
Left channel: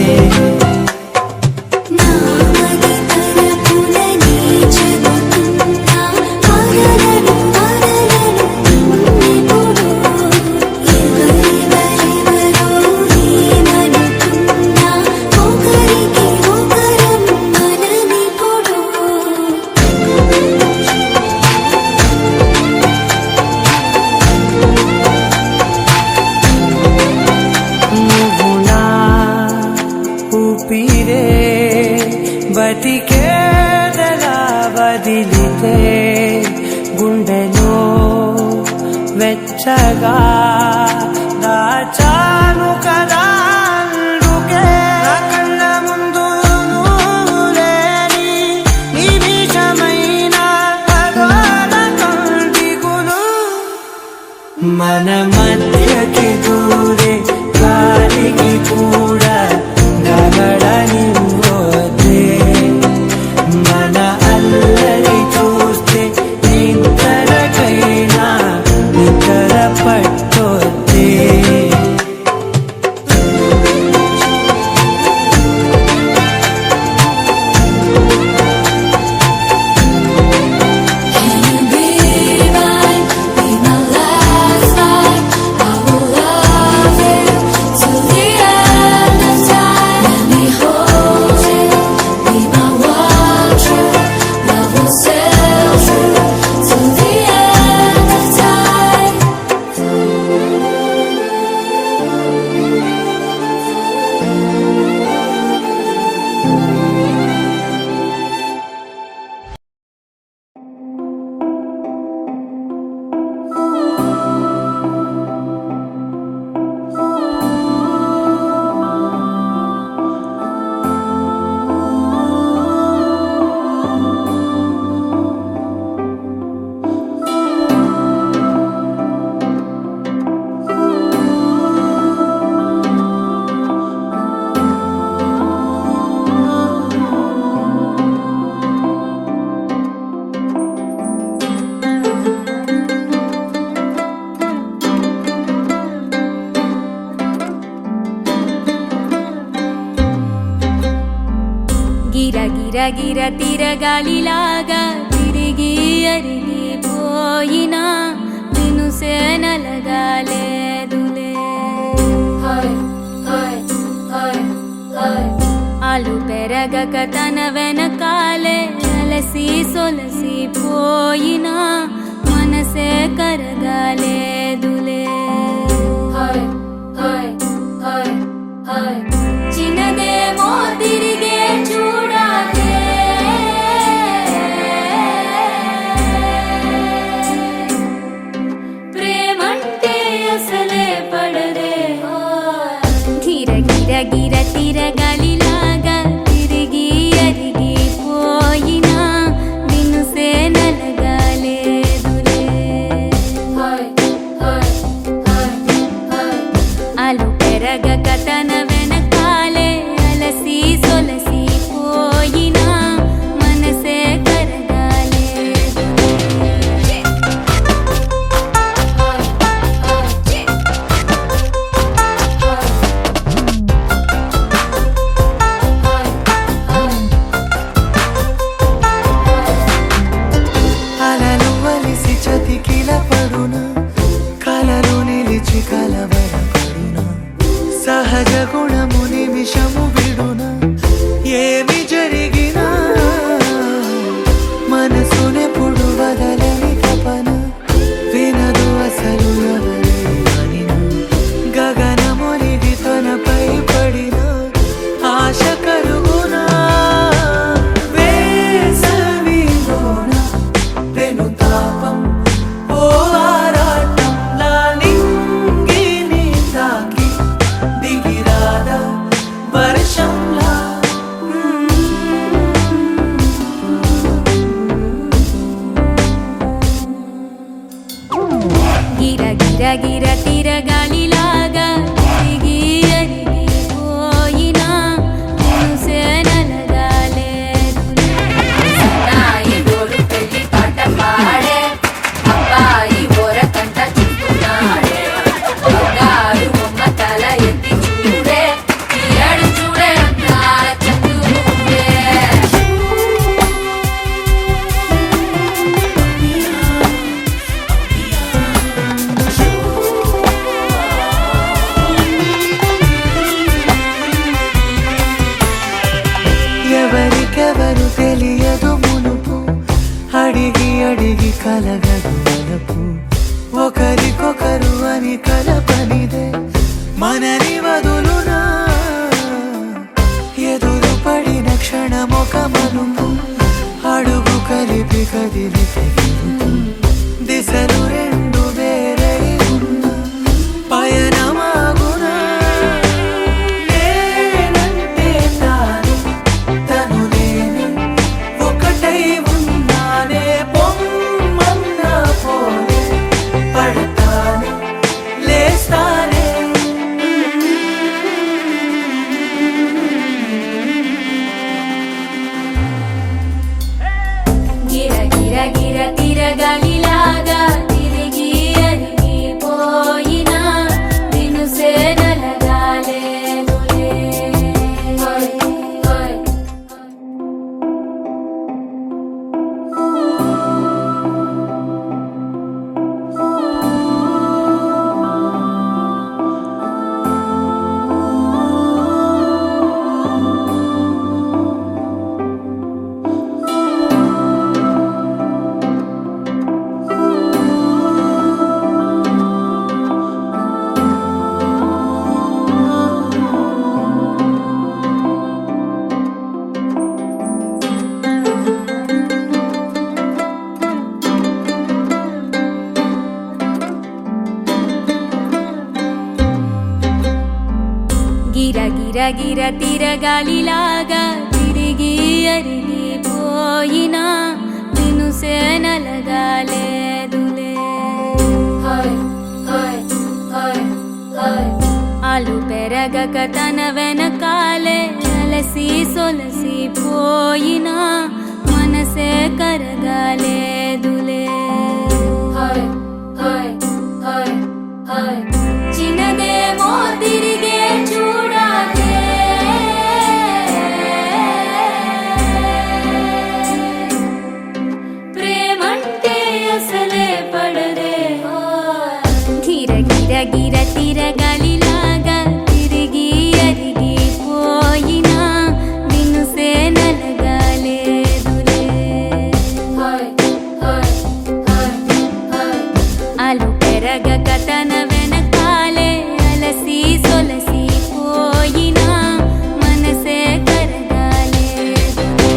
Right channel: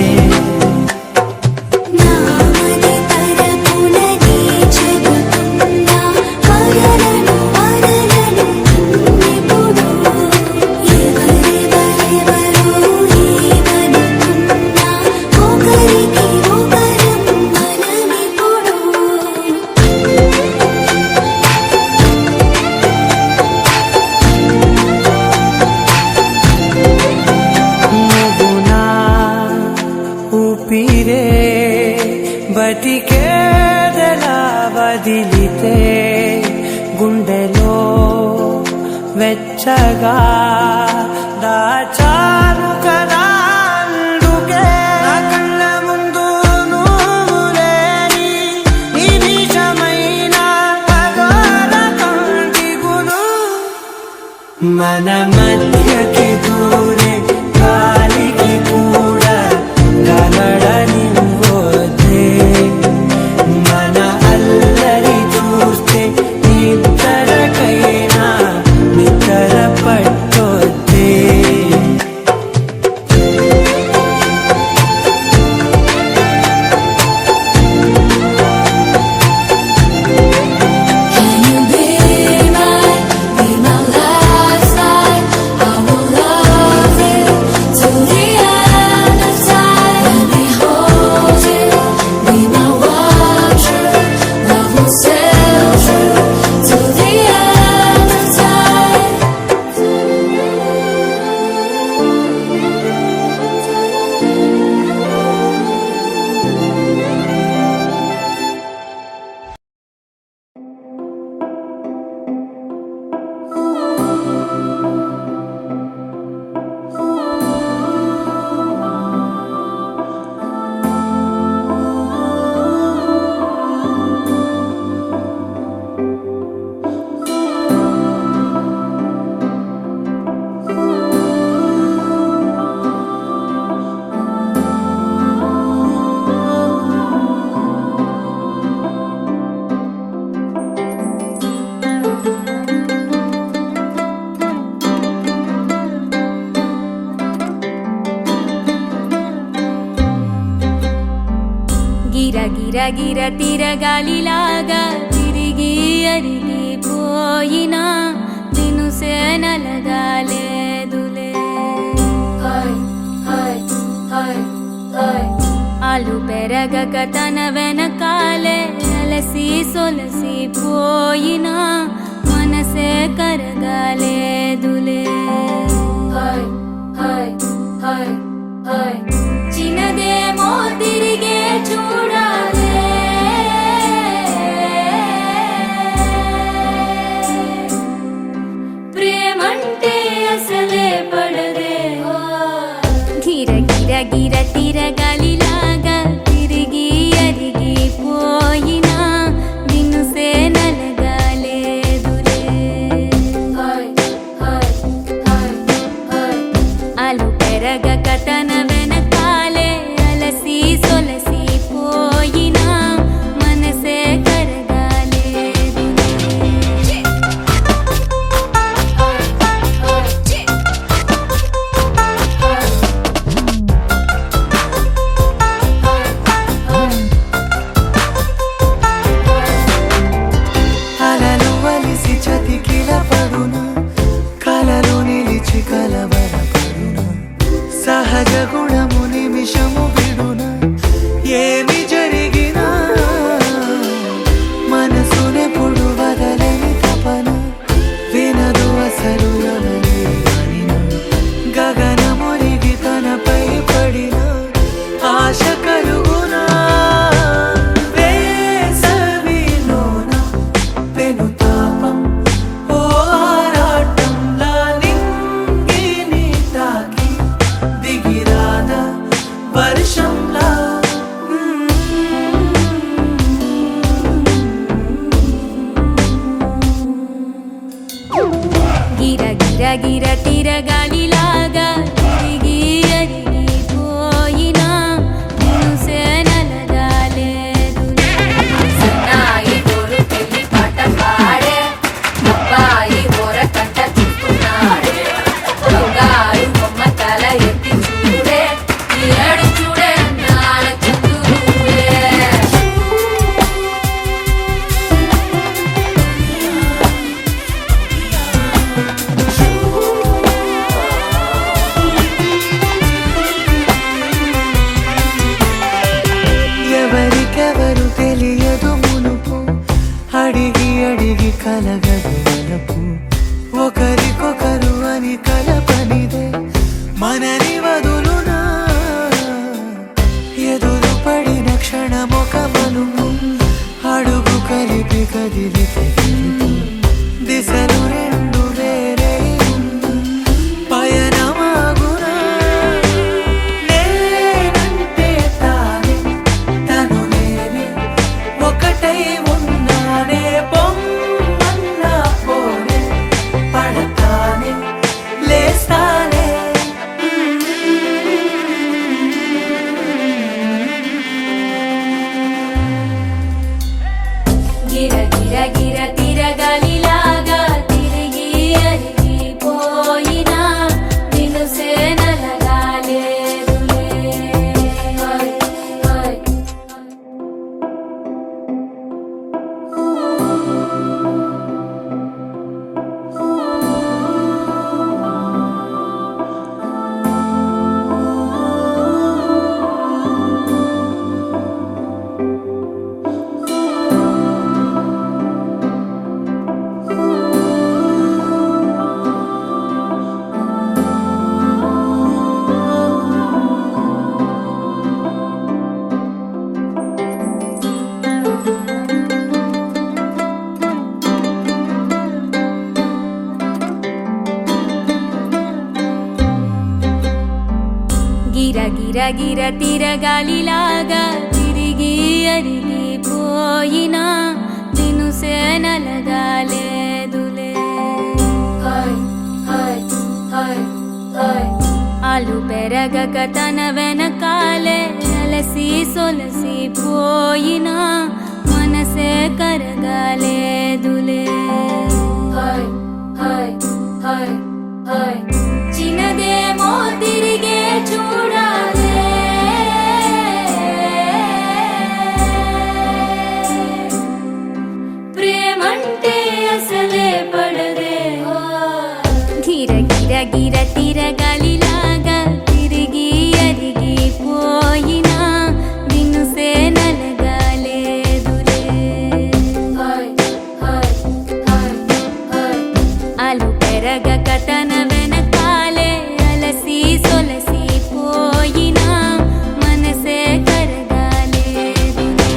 ఊపిరే బతికేదలా వదిలితే గుండెలో వెచ్చగా దాచాను కదా అందుకే నా కళ్ళ ముందు నువ్వు లేని నిమిషమైన అఘోర కంటిగులు మన మధ్యకి దూరే గాలికి కూడా గలడనివ్వదే మన అల్లరి చూస్తే నిద్రకైనా నిద్ర పట్టొద్దే గిర గిర తిరగాలిలాగా తిరిగి అరిగిపోయినా దినుసే నలగాలేదులే ఆలు పెరగక తన వెనకాలే అలసి సొలసి పోయినా మనసే కరగాలేదులే చిన్నదేమో తిరిగే చూడాదే ప్రేమంటే అసలే పడదే గిర గిర గిర తిరగాలిలాగా తిరిగి అరిగిపోయినా దినుసే నలగాలేదులే ఆలు పెరగక తన వెనకాలే అలసి సొలసి పోయినా మనసే కరగాలేదులే అలలు వలిసి చతికిల పడునా కలలు నిలిచి కలవరపడునా సహజ గుణము నిమిషము విడునా ఏమి జరిగినా మనసునెప్పుడు వదలని తపన వినదు అసలు ఎవరే అనినా గగనమునిగి తనపై పడిన ఆశ కలుగునా వేసవిలోన వెనుతాపం ఓ ఆరాటంలా నింగిని తాకి దిగిరాదా వర్షంలా గిర గిర గిర తిరగాలిలాగా తిరిగి అరిగిపోయినా దినుసే నలగాలేదులే ఎవరికెవరు తెలియదు మునుపు అడిగి అడిగి కలగదు వలపు ఒకరికొకరు అని కలపనిదే మనని వదులునా ఎదురు పడిన క్షణమొక మలుపు అడుగు కలిపి కదిలితే గెలుపు దిశలు రెండు వేరే గిర గిర గిర తిరగాలిలాగా తిరిగి అరిగిపోయినా దినుసే నలగాలేదులే ఆలు పెరగక తన వెనకాలే అలసి సొలసి పోయినా మనసే కరగాలేదులే చిన్నదేమో తిరిగే చూడాదే ప్రేమంటే అసలే పడదే గిర గిర గిర తిరగాలిలాగా తిరిగి అరిగిపోయినా దినుసే నలగాలేదులే ఆలు పెరగక తన వెనకాలే అలసి సొలసి పోయినా మనసే కరగాలేదులే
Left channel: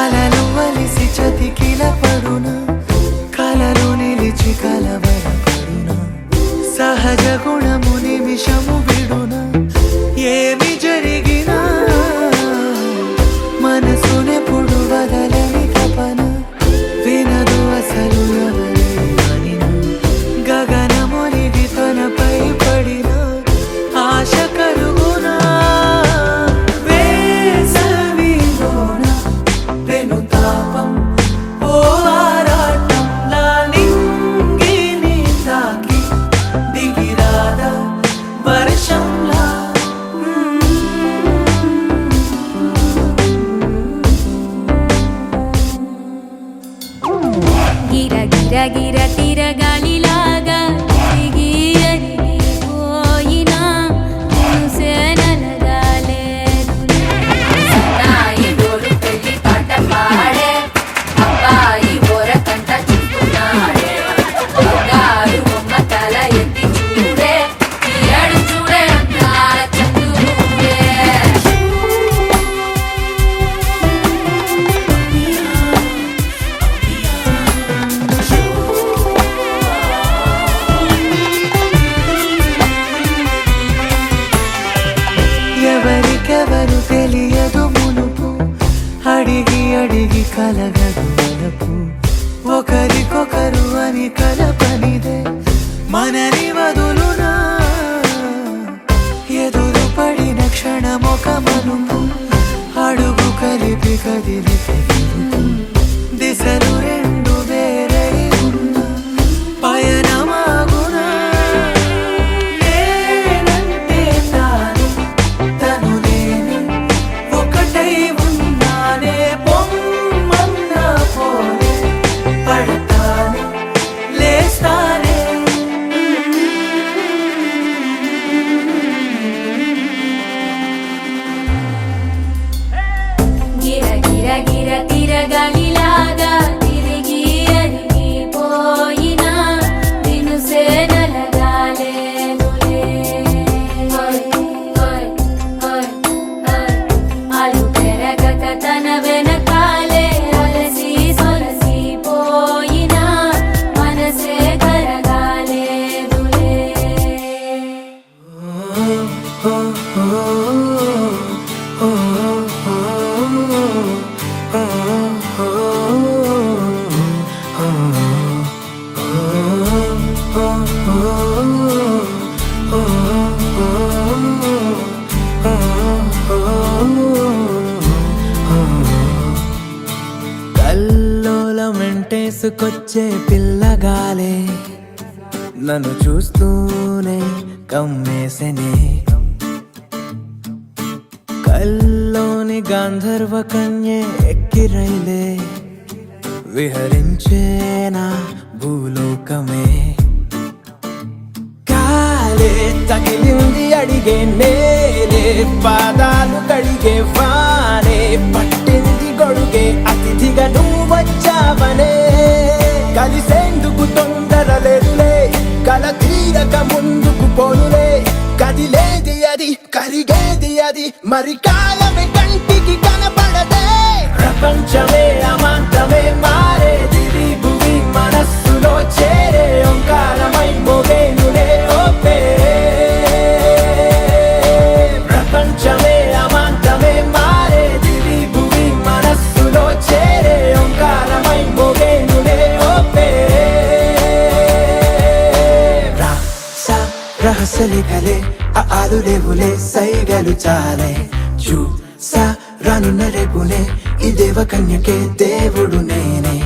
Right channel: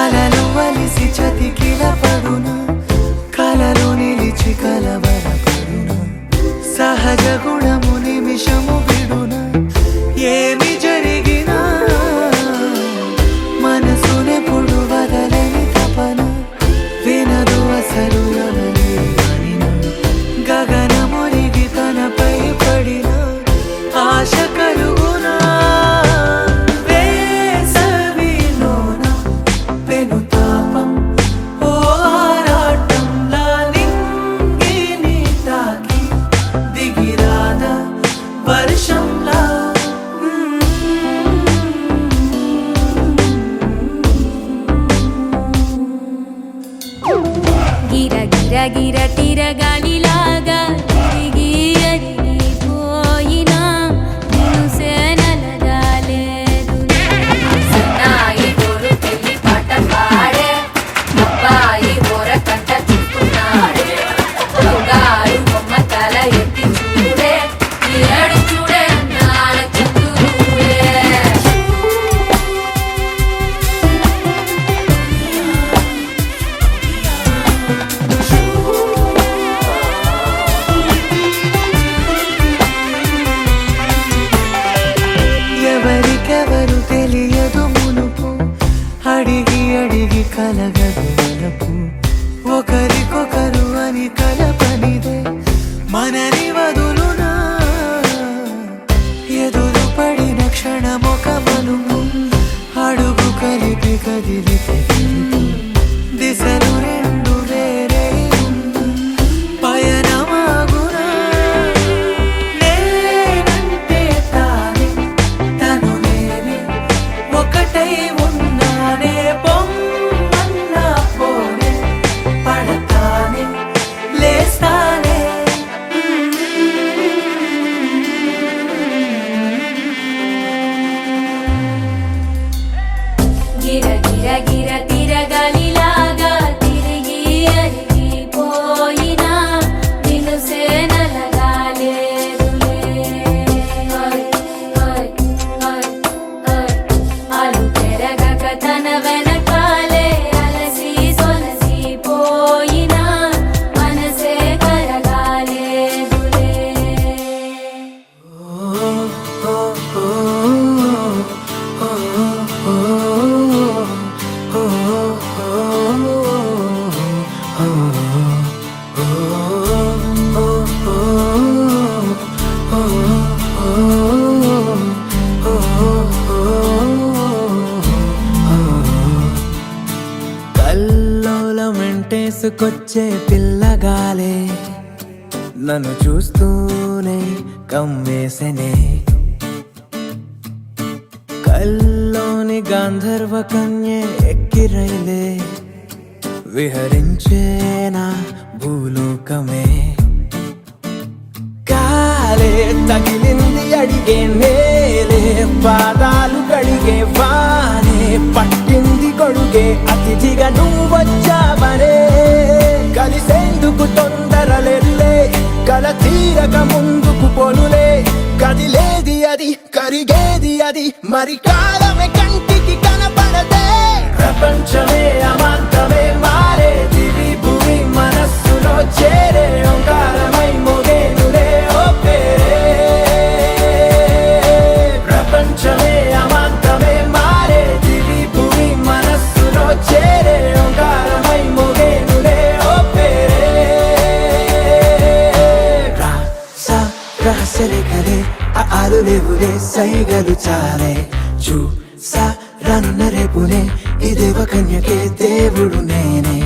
అలలు వలిసి చతికిల పడునా కలలు నిలిచి కలవరపడునా సహజ గుణము నిమిషము విడునా ఏమి జరిగినా మనసునెప్పుడు వదలని తపన వినదు అసలు ఎవరి అనినా గగనమునిగి తనపై పడిన ఆశ కలుగునా వేసవిలోన వెనుతాపం ఓ ఆరాటంలా నింగిని తాకి దిగిరానా వర్షంలా గిర గిర గిర తిరగాలిలాగా తిరిగి అరిగిపోయినా దినుసే నలగాలేదులే ఎవరికెవరు తెలియదు మునుపు అడిగి అడిగి కలగదు వలపు ఒకరికొకరు అని కలపనిదే మనని వదులునా ఎదురు పడిన క్షణమొక మలుపు అడుగు కలిపి కదిలితే గెలుపు దిశలు రెండు వేరే ఉన్న పయనమాగునా నేనంటే తానే తను నేనే ఒకటై ఉన్నానే బొమ్మన్నా పోనే పడతానే లేస్తానే గిర గిర గిర తిరగాలిలాగా తిరిగి అరిగిపోయినా దినుసే నలగాలేదులే ఆలు పెరగక తన వెనకాలే అలసి సొలసి పోయినా మనసే కరగాలేదులే కల్లోలం వెంటేసుకొచ్చే పిల్లగాలే నన్ను చూస్తూనే కమ్మేసనే కల్లోని గాంధర్వ కన్యే ఎక్కిరైలే విహరించేనా భూలోకమే కాలే తగిలింది అడిగే నేలే పాదాలు కడిగే వానే పట్టింది గొడుగే అతిథిగా నువ్వు వచ్చావనే కలిసేందుకు తొందర లేదులే కల తీరక ముందుకు పోలులే కదిలేది అది కరిగేది అది ఉన్నది మరి కాలమే కంటికి కనపడదే ప్రపంచమే అమాంతమే మారేది భూమి మనస్సులో చేరే ఓంకారమై మోగేనులే ఓ పేరే ప్రపంచమే అమాంతమే మారేది భూమి మనస్సులో చేరే ఓంకారమై మోగేనులే ఓ పేరే రహస్యలే కలే ఆలు లేవులే సైగలు చాలే చూసా రానున్న రేపునే ఈ దేవ కన్యకే దేవుడు నేనే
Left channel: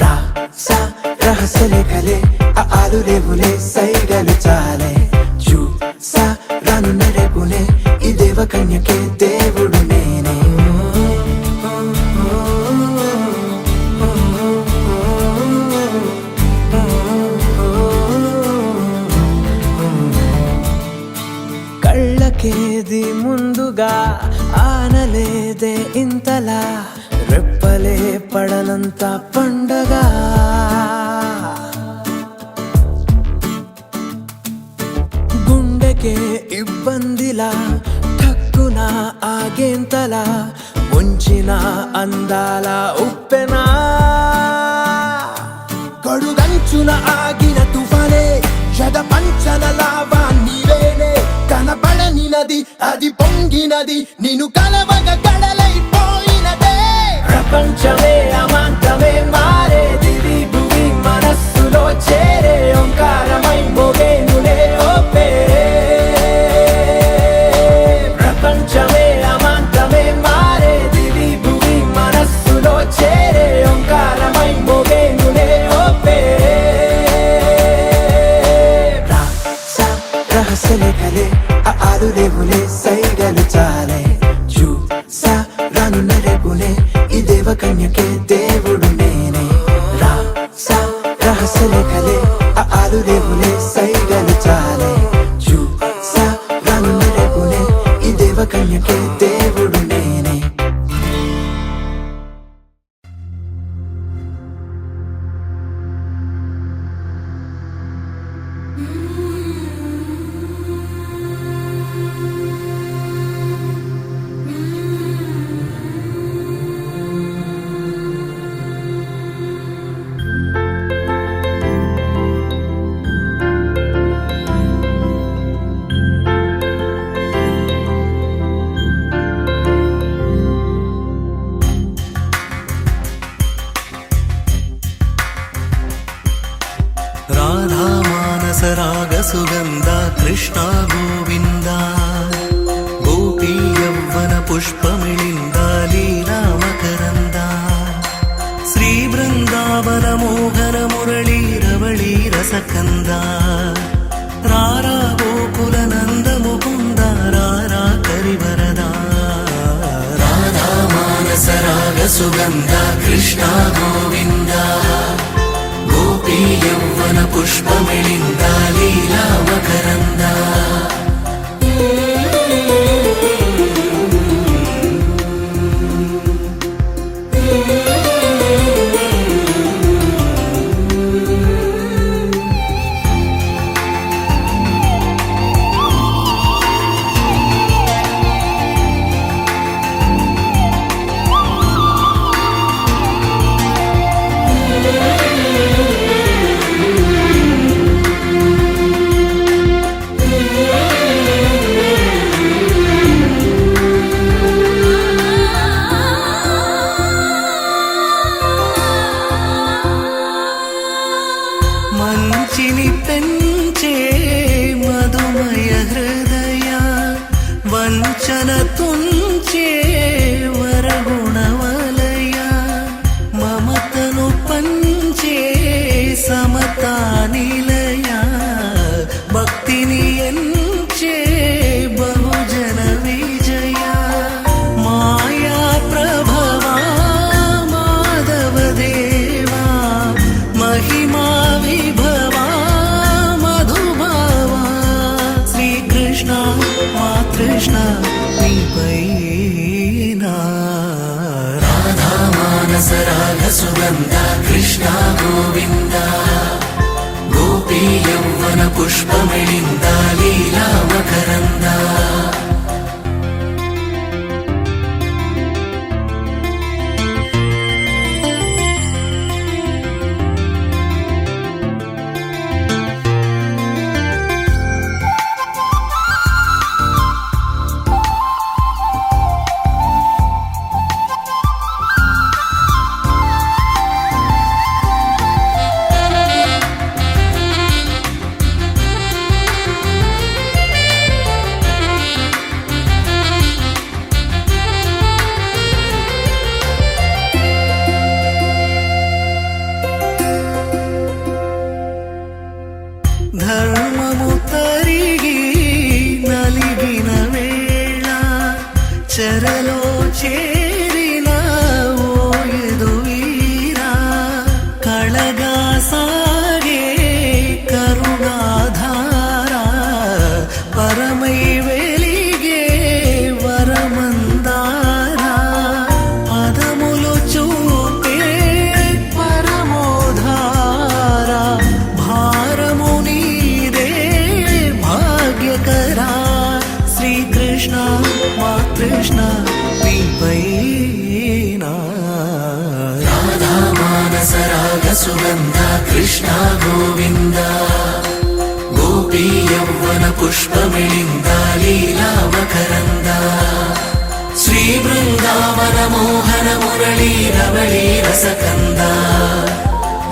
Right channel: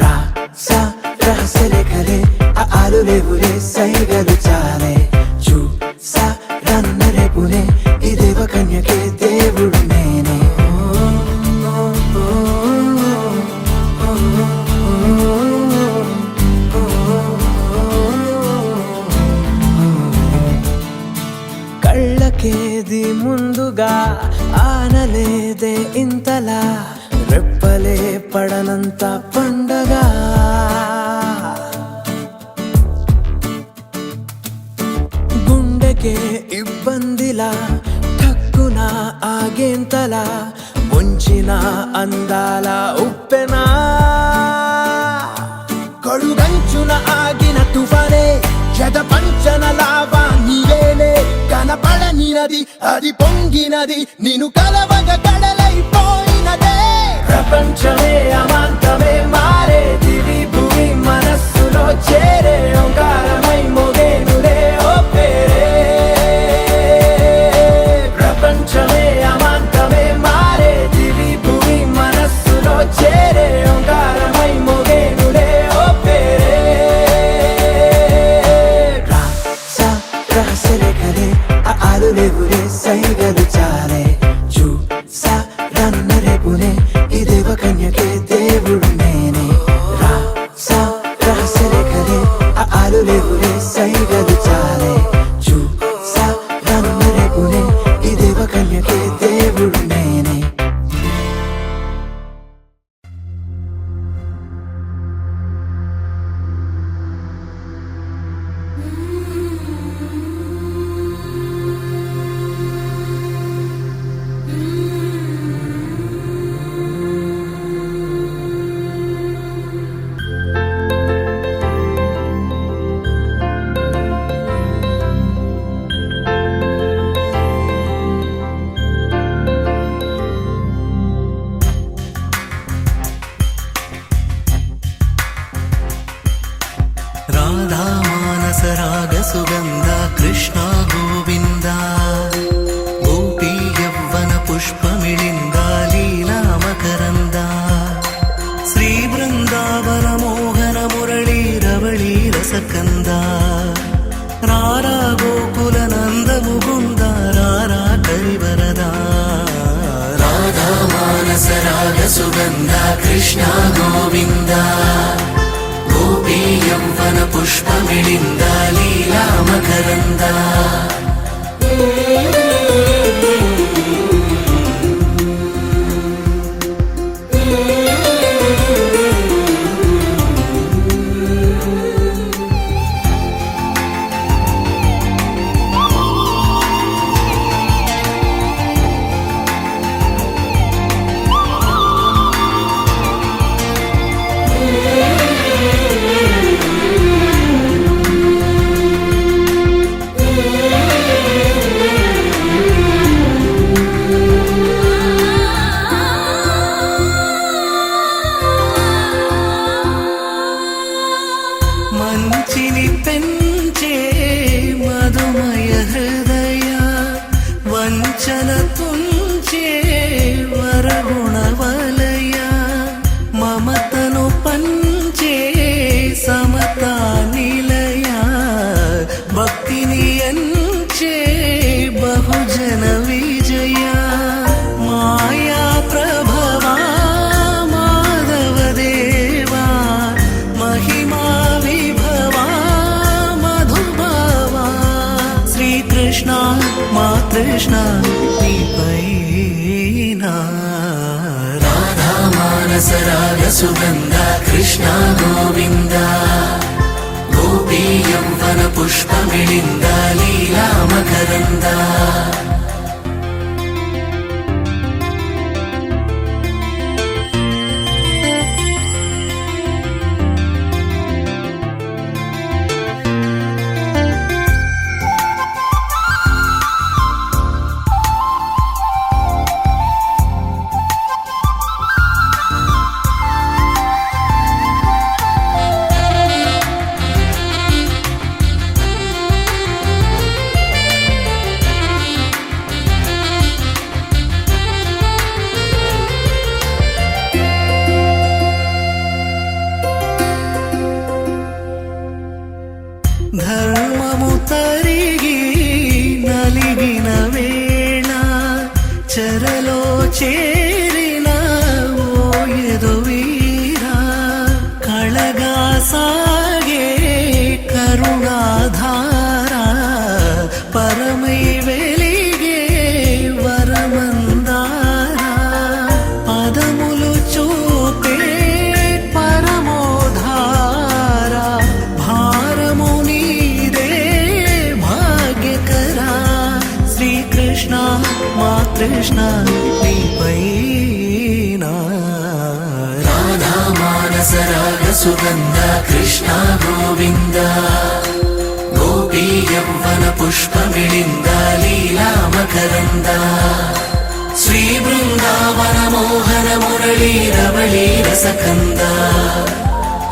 రాసా రహస్యలే కలే ఆలు లేవులే సైగలు చాలే చూసా రానున్న రేపునే ఈ దేవ కన్యకే దేవుడు నేనే కళ్ళకేది ముందుగా ఆనలేదే ఇంతలా రెప్పలే పడనంత పండగ గుండెకే ఇబ్బందిలా ఠక్కున ఆగేంతలా ముంచిన అందాల ఉప్పెనా కడుగంచున ఆగిన తుఫానే జగ పంచన లావా నీవేనే కనపడనినది అది పొంగినది నిన్ను కలవగ కడలైపోయినదే ప్రపంచమే అమాంతమే మారేది భూమి మనస్సులో చేరే ఓంకారమై మోగేనులే ఓ పేరే ప్రపంచమే అమాంతమే మారేది భూమి మనస్సులో చేరే ఓంకారమై మోగేనులే ఓ పేరే రహస్యలే కలే ఆలు లేవులే సైగలు చాలే చూసా రానున్న రేపునే ఈ దేవ కన్యకే దేవుడు నేనే రాసా రహస్యలే కలే ఆలు లేవులే సైగలు చాలే చూసా రానున్న రేపునే ఈ దేవ కన్యకే దేవుడు నేనే రాధా మానస రాగ సుగంధ కృష్ణ గోవింద గోపీ యవ్వన పుష్పమిళింద లీలా మకరంద శ్రీ బృందావన మోహన మురళీ రవళీ రసకంద రారా గోకుల నంద ముకుంద రారా కరివరద రాధా మానస రాగ సుగంధ కృష్ణ గోవింద గోపీ యవ్వన పుష్పమిళింద లీలా మకరంద మంచిని పెంచే మధుమయ హృదయ వంచన తుంచే వరగుణ వలయ మమతను పంచే సమతా నిలయ భక్తిని ఎంచే బహుజన విజయ మాయా ప్రభవా మాధవ దేవా మహిమా విభవా మధుభావా శ్రీకృష్ణ మా కృష్ణ నీపైనా రాధా మానస రాగ సుగంధ కృష్ణ గోవింద గోపీ యవ్వన పుష్పమిళింద లీలా మకరంద చేరిన ఓ ఎదువీరా కళగా సాగే కరుణాధార పరమై వెలిగే వరమందార పదములు చూపే పరమోధార భారము నీదే భాగ్యకరా శ్రీకృష్ణ మా కృష్ణ నీపైనా రాధా మానస రాగ సుగంధ కృష్ణ గోవింద గోపీ యౌవన పుష్పమిళింద లీలా మకరంద శ్రీ బృందావన మోహన మురళీ రమళీ రసకంద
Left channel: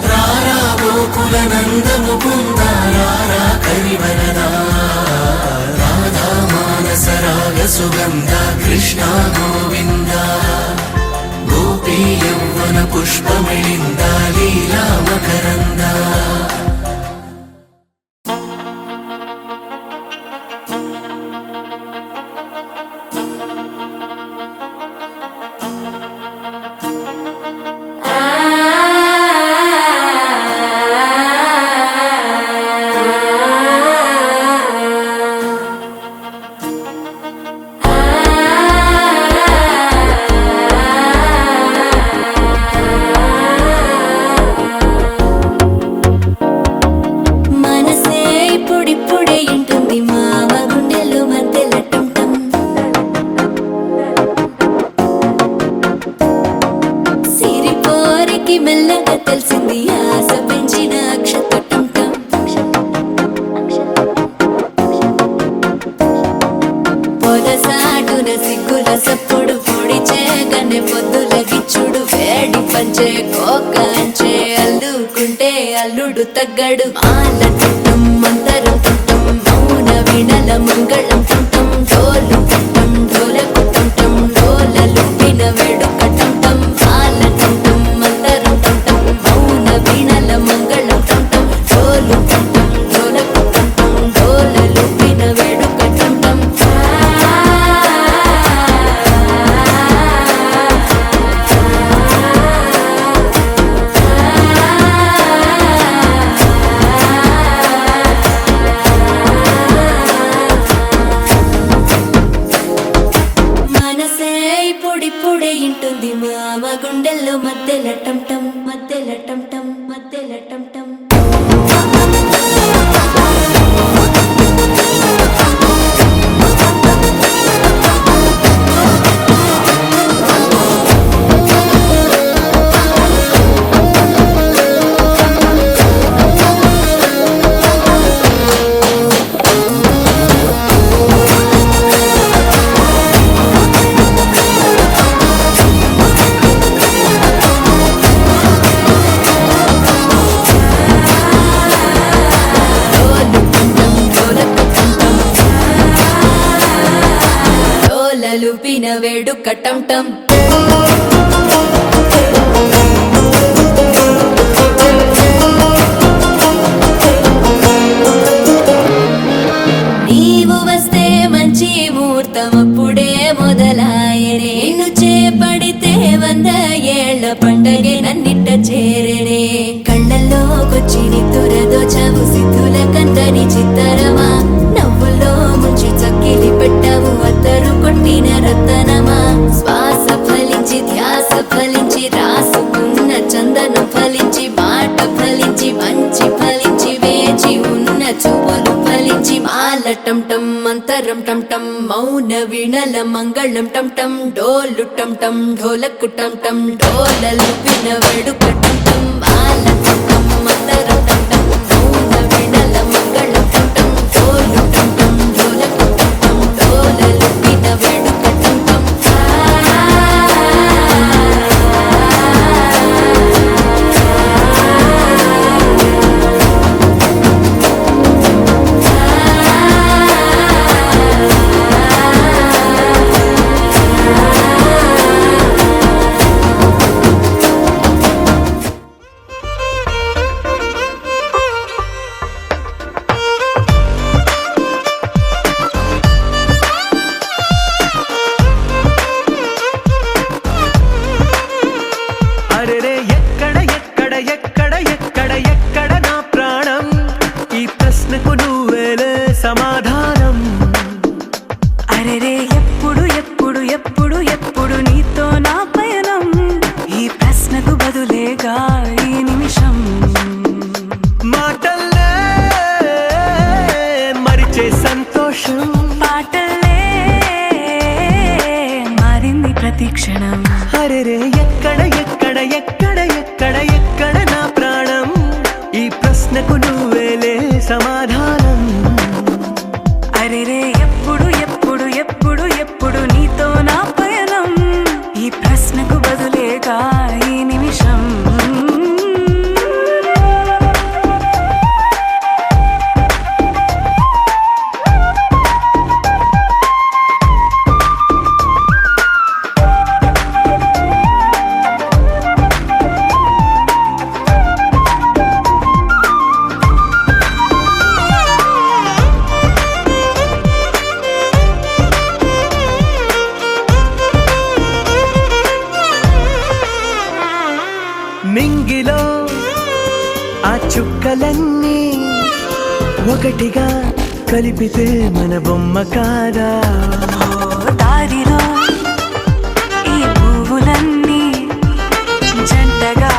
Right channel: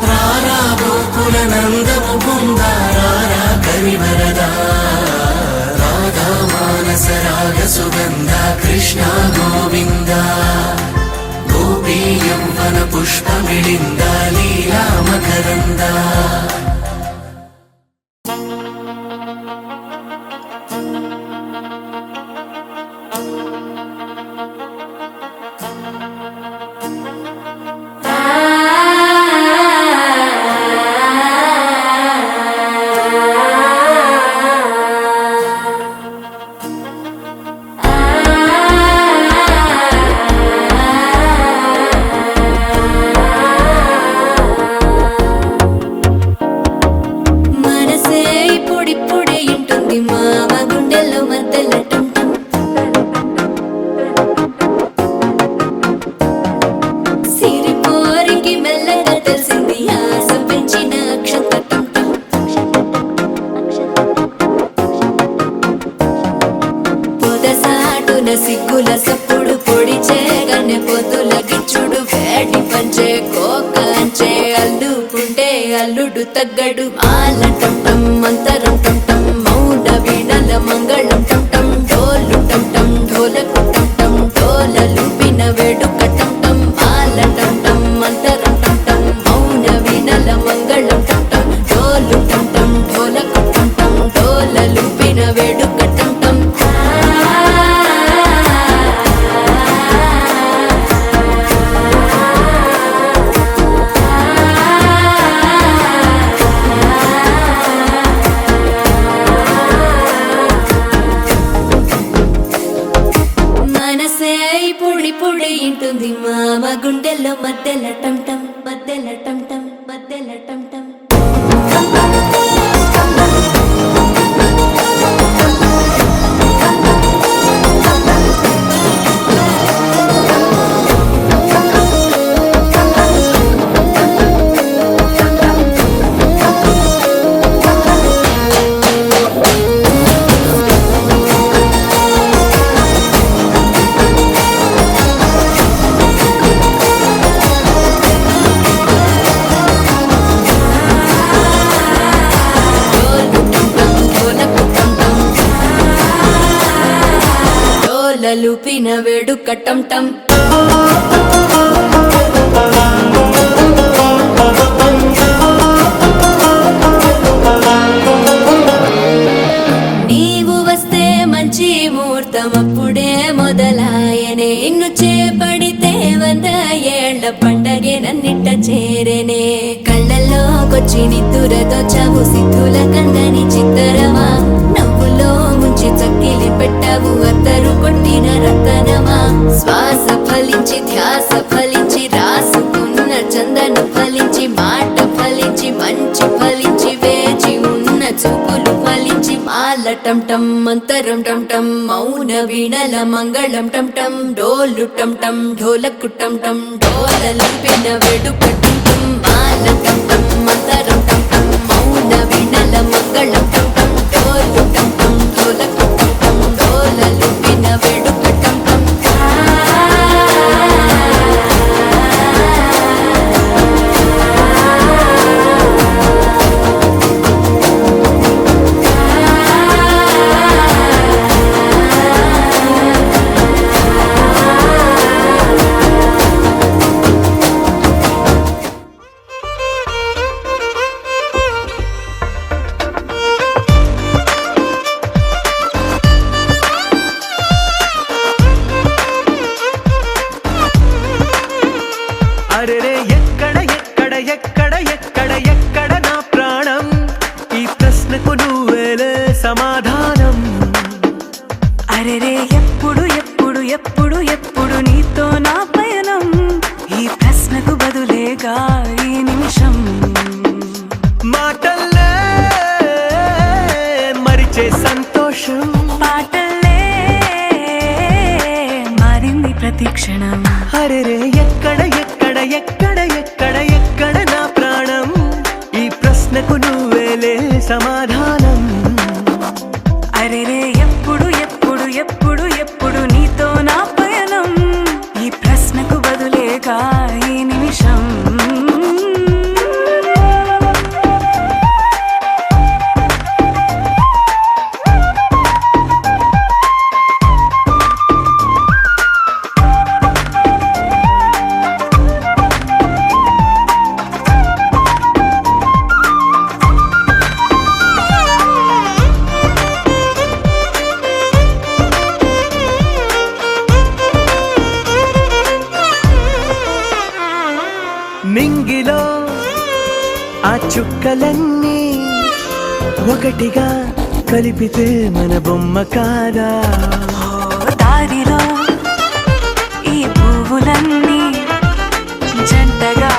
రారా గోకుల నంద ముకుంద రారా కరివరదా రాధా మానస రాగ సుగంధ కృష్ణ గోవింద గోపీ యౌవన పుష్పమిళింద లీలా మకరంద మనసే ఇప్పుడిప్పుడే ఇంటుంది మామ గుండెలు మధ్యల టంటం సిరిపోరికి మెల్లగా తెలిసింది ఆశ పెంచిన అక్షత టంటం పొదసాటున సిగ్గుల సప్పుడు పొడి చేయగానే పొద్దుల గిచ్చుడు వేడి పంచే కోకలంచే అల్లుకుంటే అల్లుడు తగ్గడు మాల టంటం మంతరం టంటం మౌన వీణల మంగళం టంటం డోలు టంటం ఢోలకు టంటం డోలలు విన వేడుక టంటం మాల టంటం మంతరం టంటం మౌన వీణల మంగళం టంటం డోలు టంటం ఢోలకు టంటం డోలలు విన వేడుక టంటం మనసే ఇప్పుడిప్పుడే ఇంటుంది మామ గుండెల్లో మధ్యల టంటం మధ్యల టంటం మధ్యల టంటం డోలు టంటం ఢోలకు టంటం డోలలు విన వేడుక టంటం నీవు వస్తే మంచి ముహూర్తం అప్పుడే మొదలాయనే నిన్ను చేపడితే 100 ఏళ్ల పండగే నన్నిట్ట చేరనే కళ్ళల్లోకొచ్చి నిద్దురదోచావు సిద్ధుల కందని చిత్తరమా నవ్వులో ముంచి చక్కిలి పెట్టావు అద్దరు కొట్టిన రతనమా శ్వాస ఫలించి ధ్యాస ఫలించి రాసుకున్న చందనం ఫలించి మాట ఫలించి మంచి ఫలించి వేచి ఉన్న చూపులు ఫలించి మాల టంటం మంతరం టంటం మౌన వీణల మంగళం టంటం డోలు టంటం ఢోలకు టంటం డోలలు విన వేడుక టంటం మాల టంటం మంతరం టంటం మౌన వీణల మంగళం టంటం డోలు టంటం ఢోలకు టంటం డోలలు విన వేడుక టంటం బదులేగా ఈ నిమిషం. మాటల్లే మరిచే సంతోషం, పాటలే మారింది ప్రతి క్షణం. అరెరే ఎక్కడ ఎక్కడ ఎక్కడ ఎక్కడ ఎక్కడ నా ప్రాణం, ఈ ప్రశ్నకు నువ్వేలే సమాధానం. అరెరే ఎప్పుడు ఎప్పుడు ఎప్పుడు ఎప్పుడు నీతో నా పయనం, ఈ ప్రశ్నకు బదులేగా ఈ నిమిషం. మింగిలో ఆ చుక్కలన్నీ ఒకటిగా కలిపితే మన బొమ్మ కాదా. దారిలో ఈ పువ్వులన్నీ జంటగా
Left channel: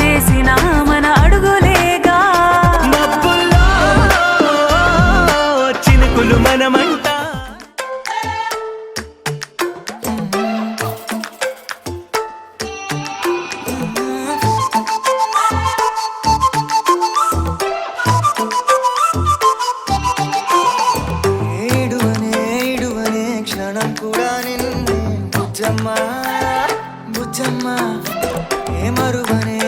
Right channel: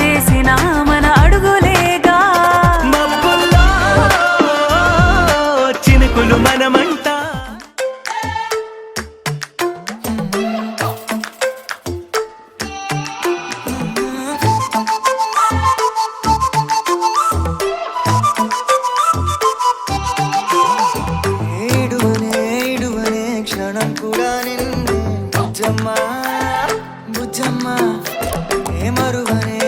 వేసిన మన అడుగులేగా. మబ్బుల్లో చినుకులు మనమంట. ఏడువనే క్షణం కూడా నిన్నే బుజ్జమ్మ బుజ్జమ్మ, ఏ మరువనే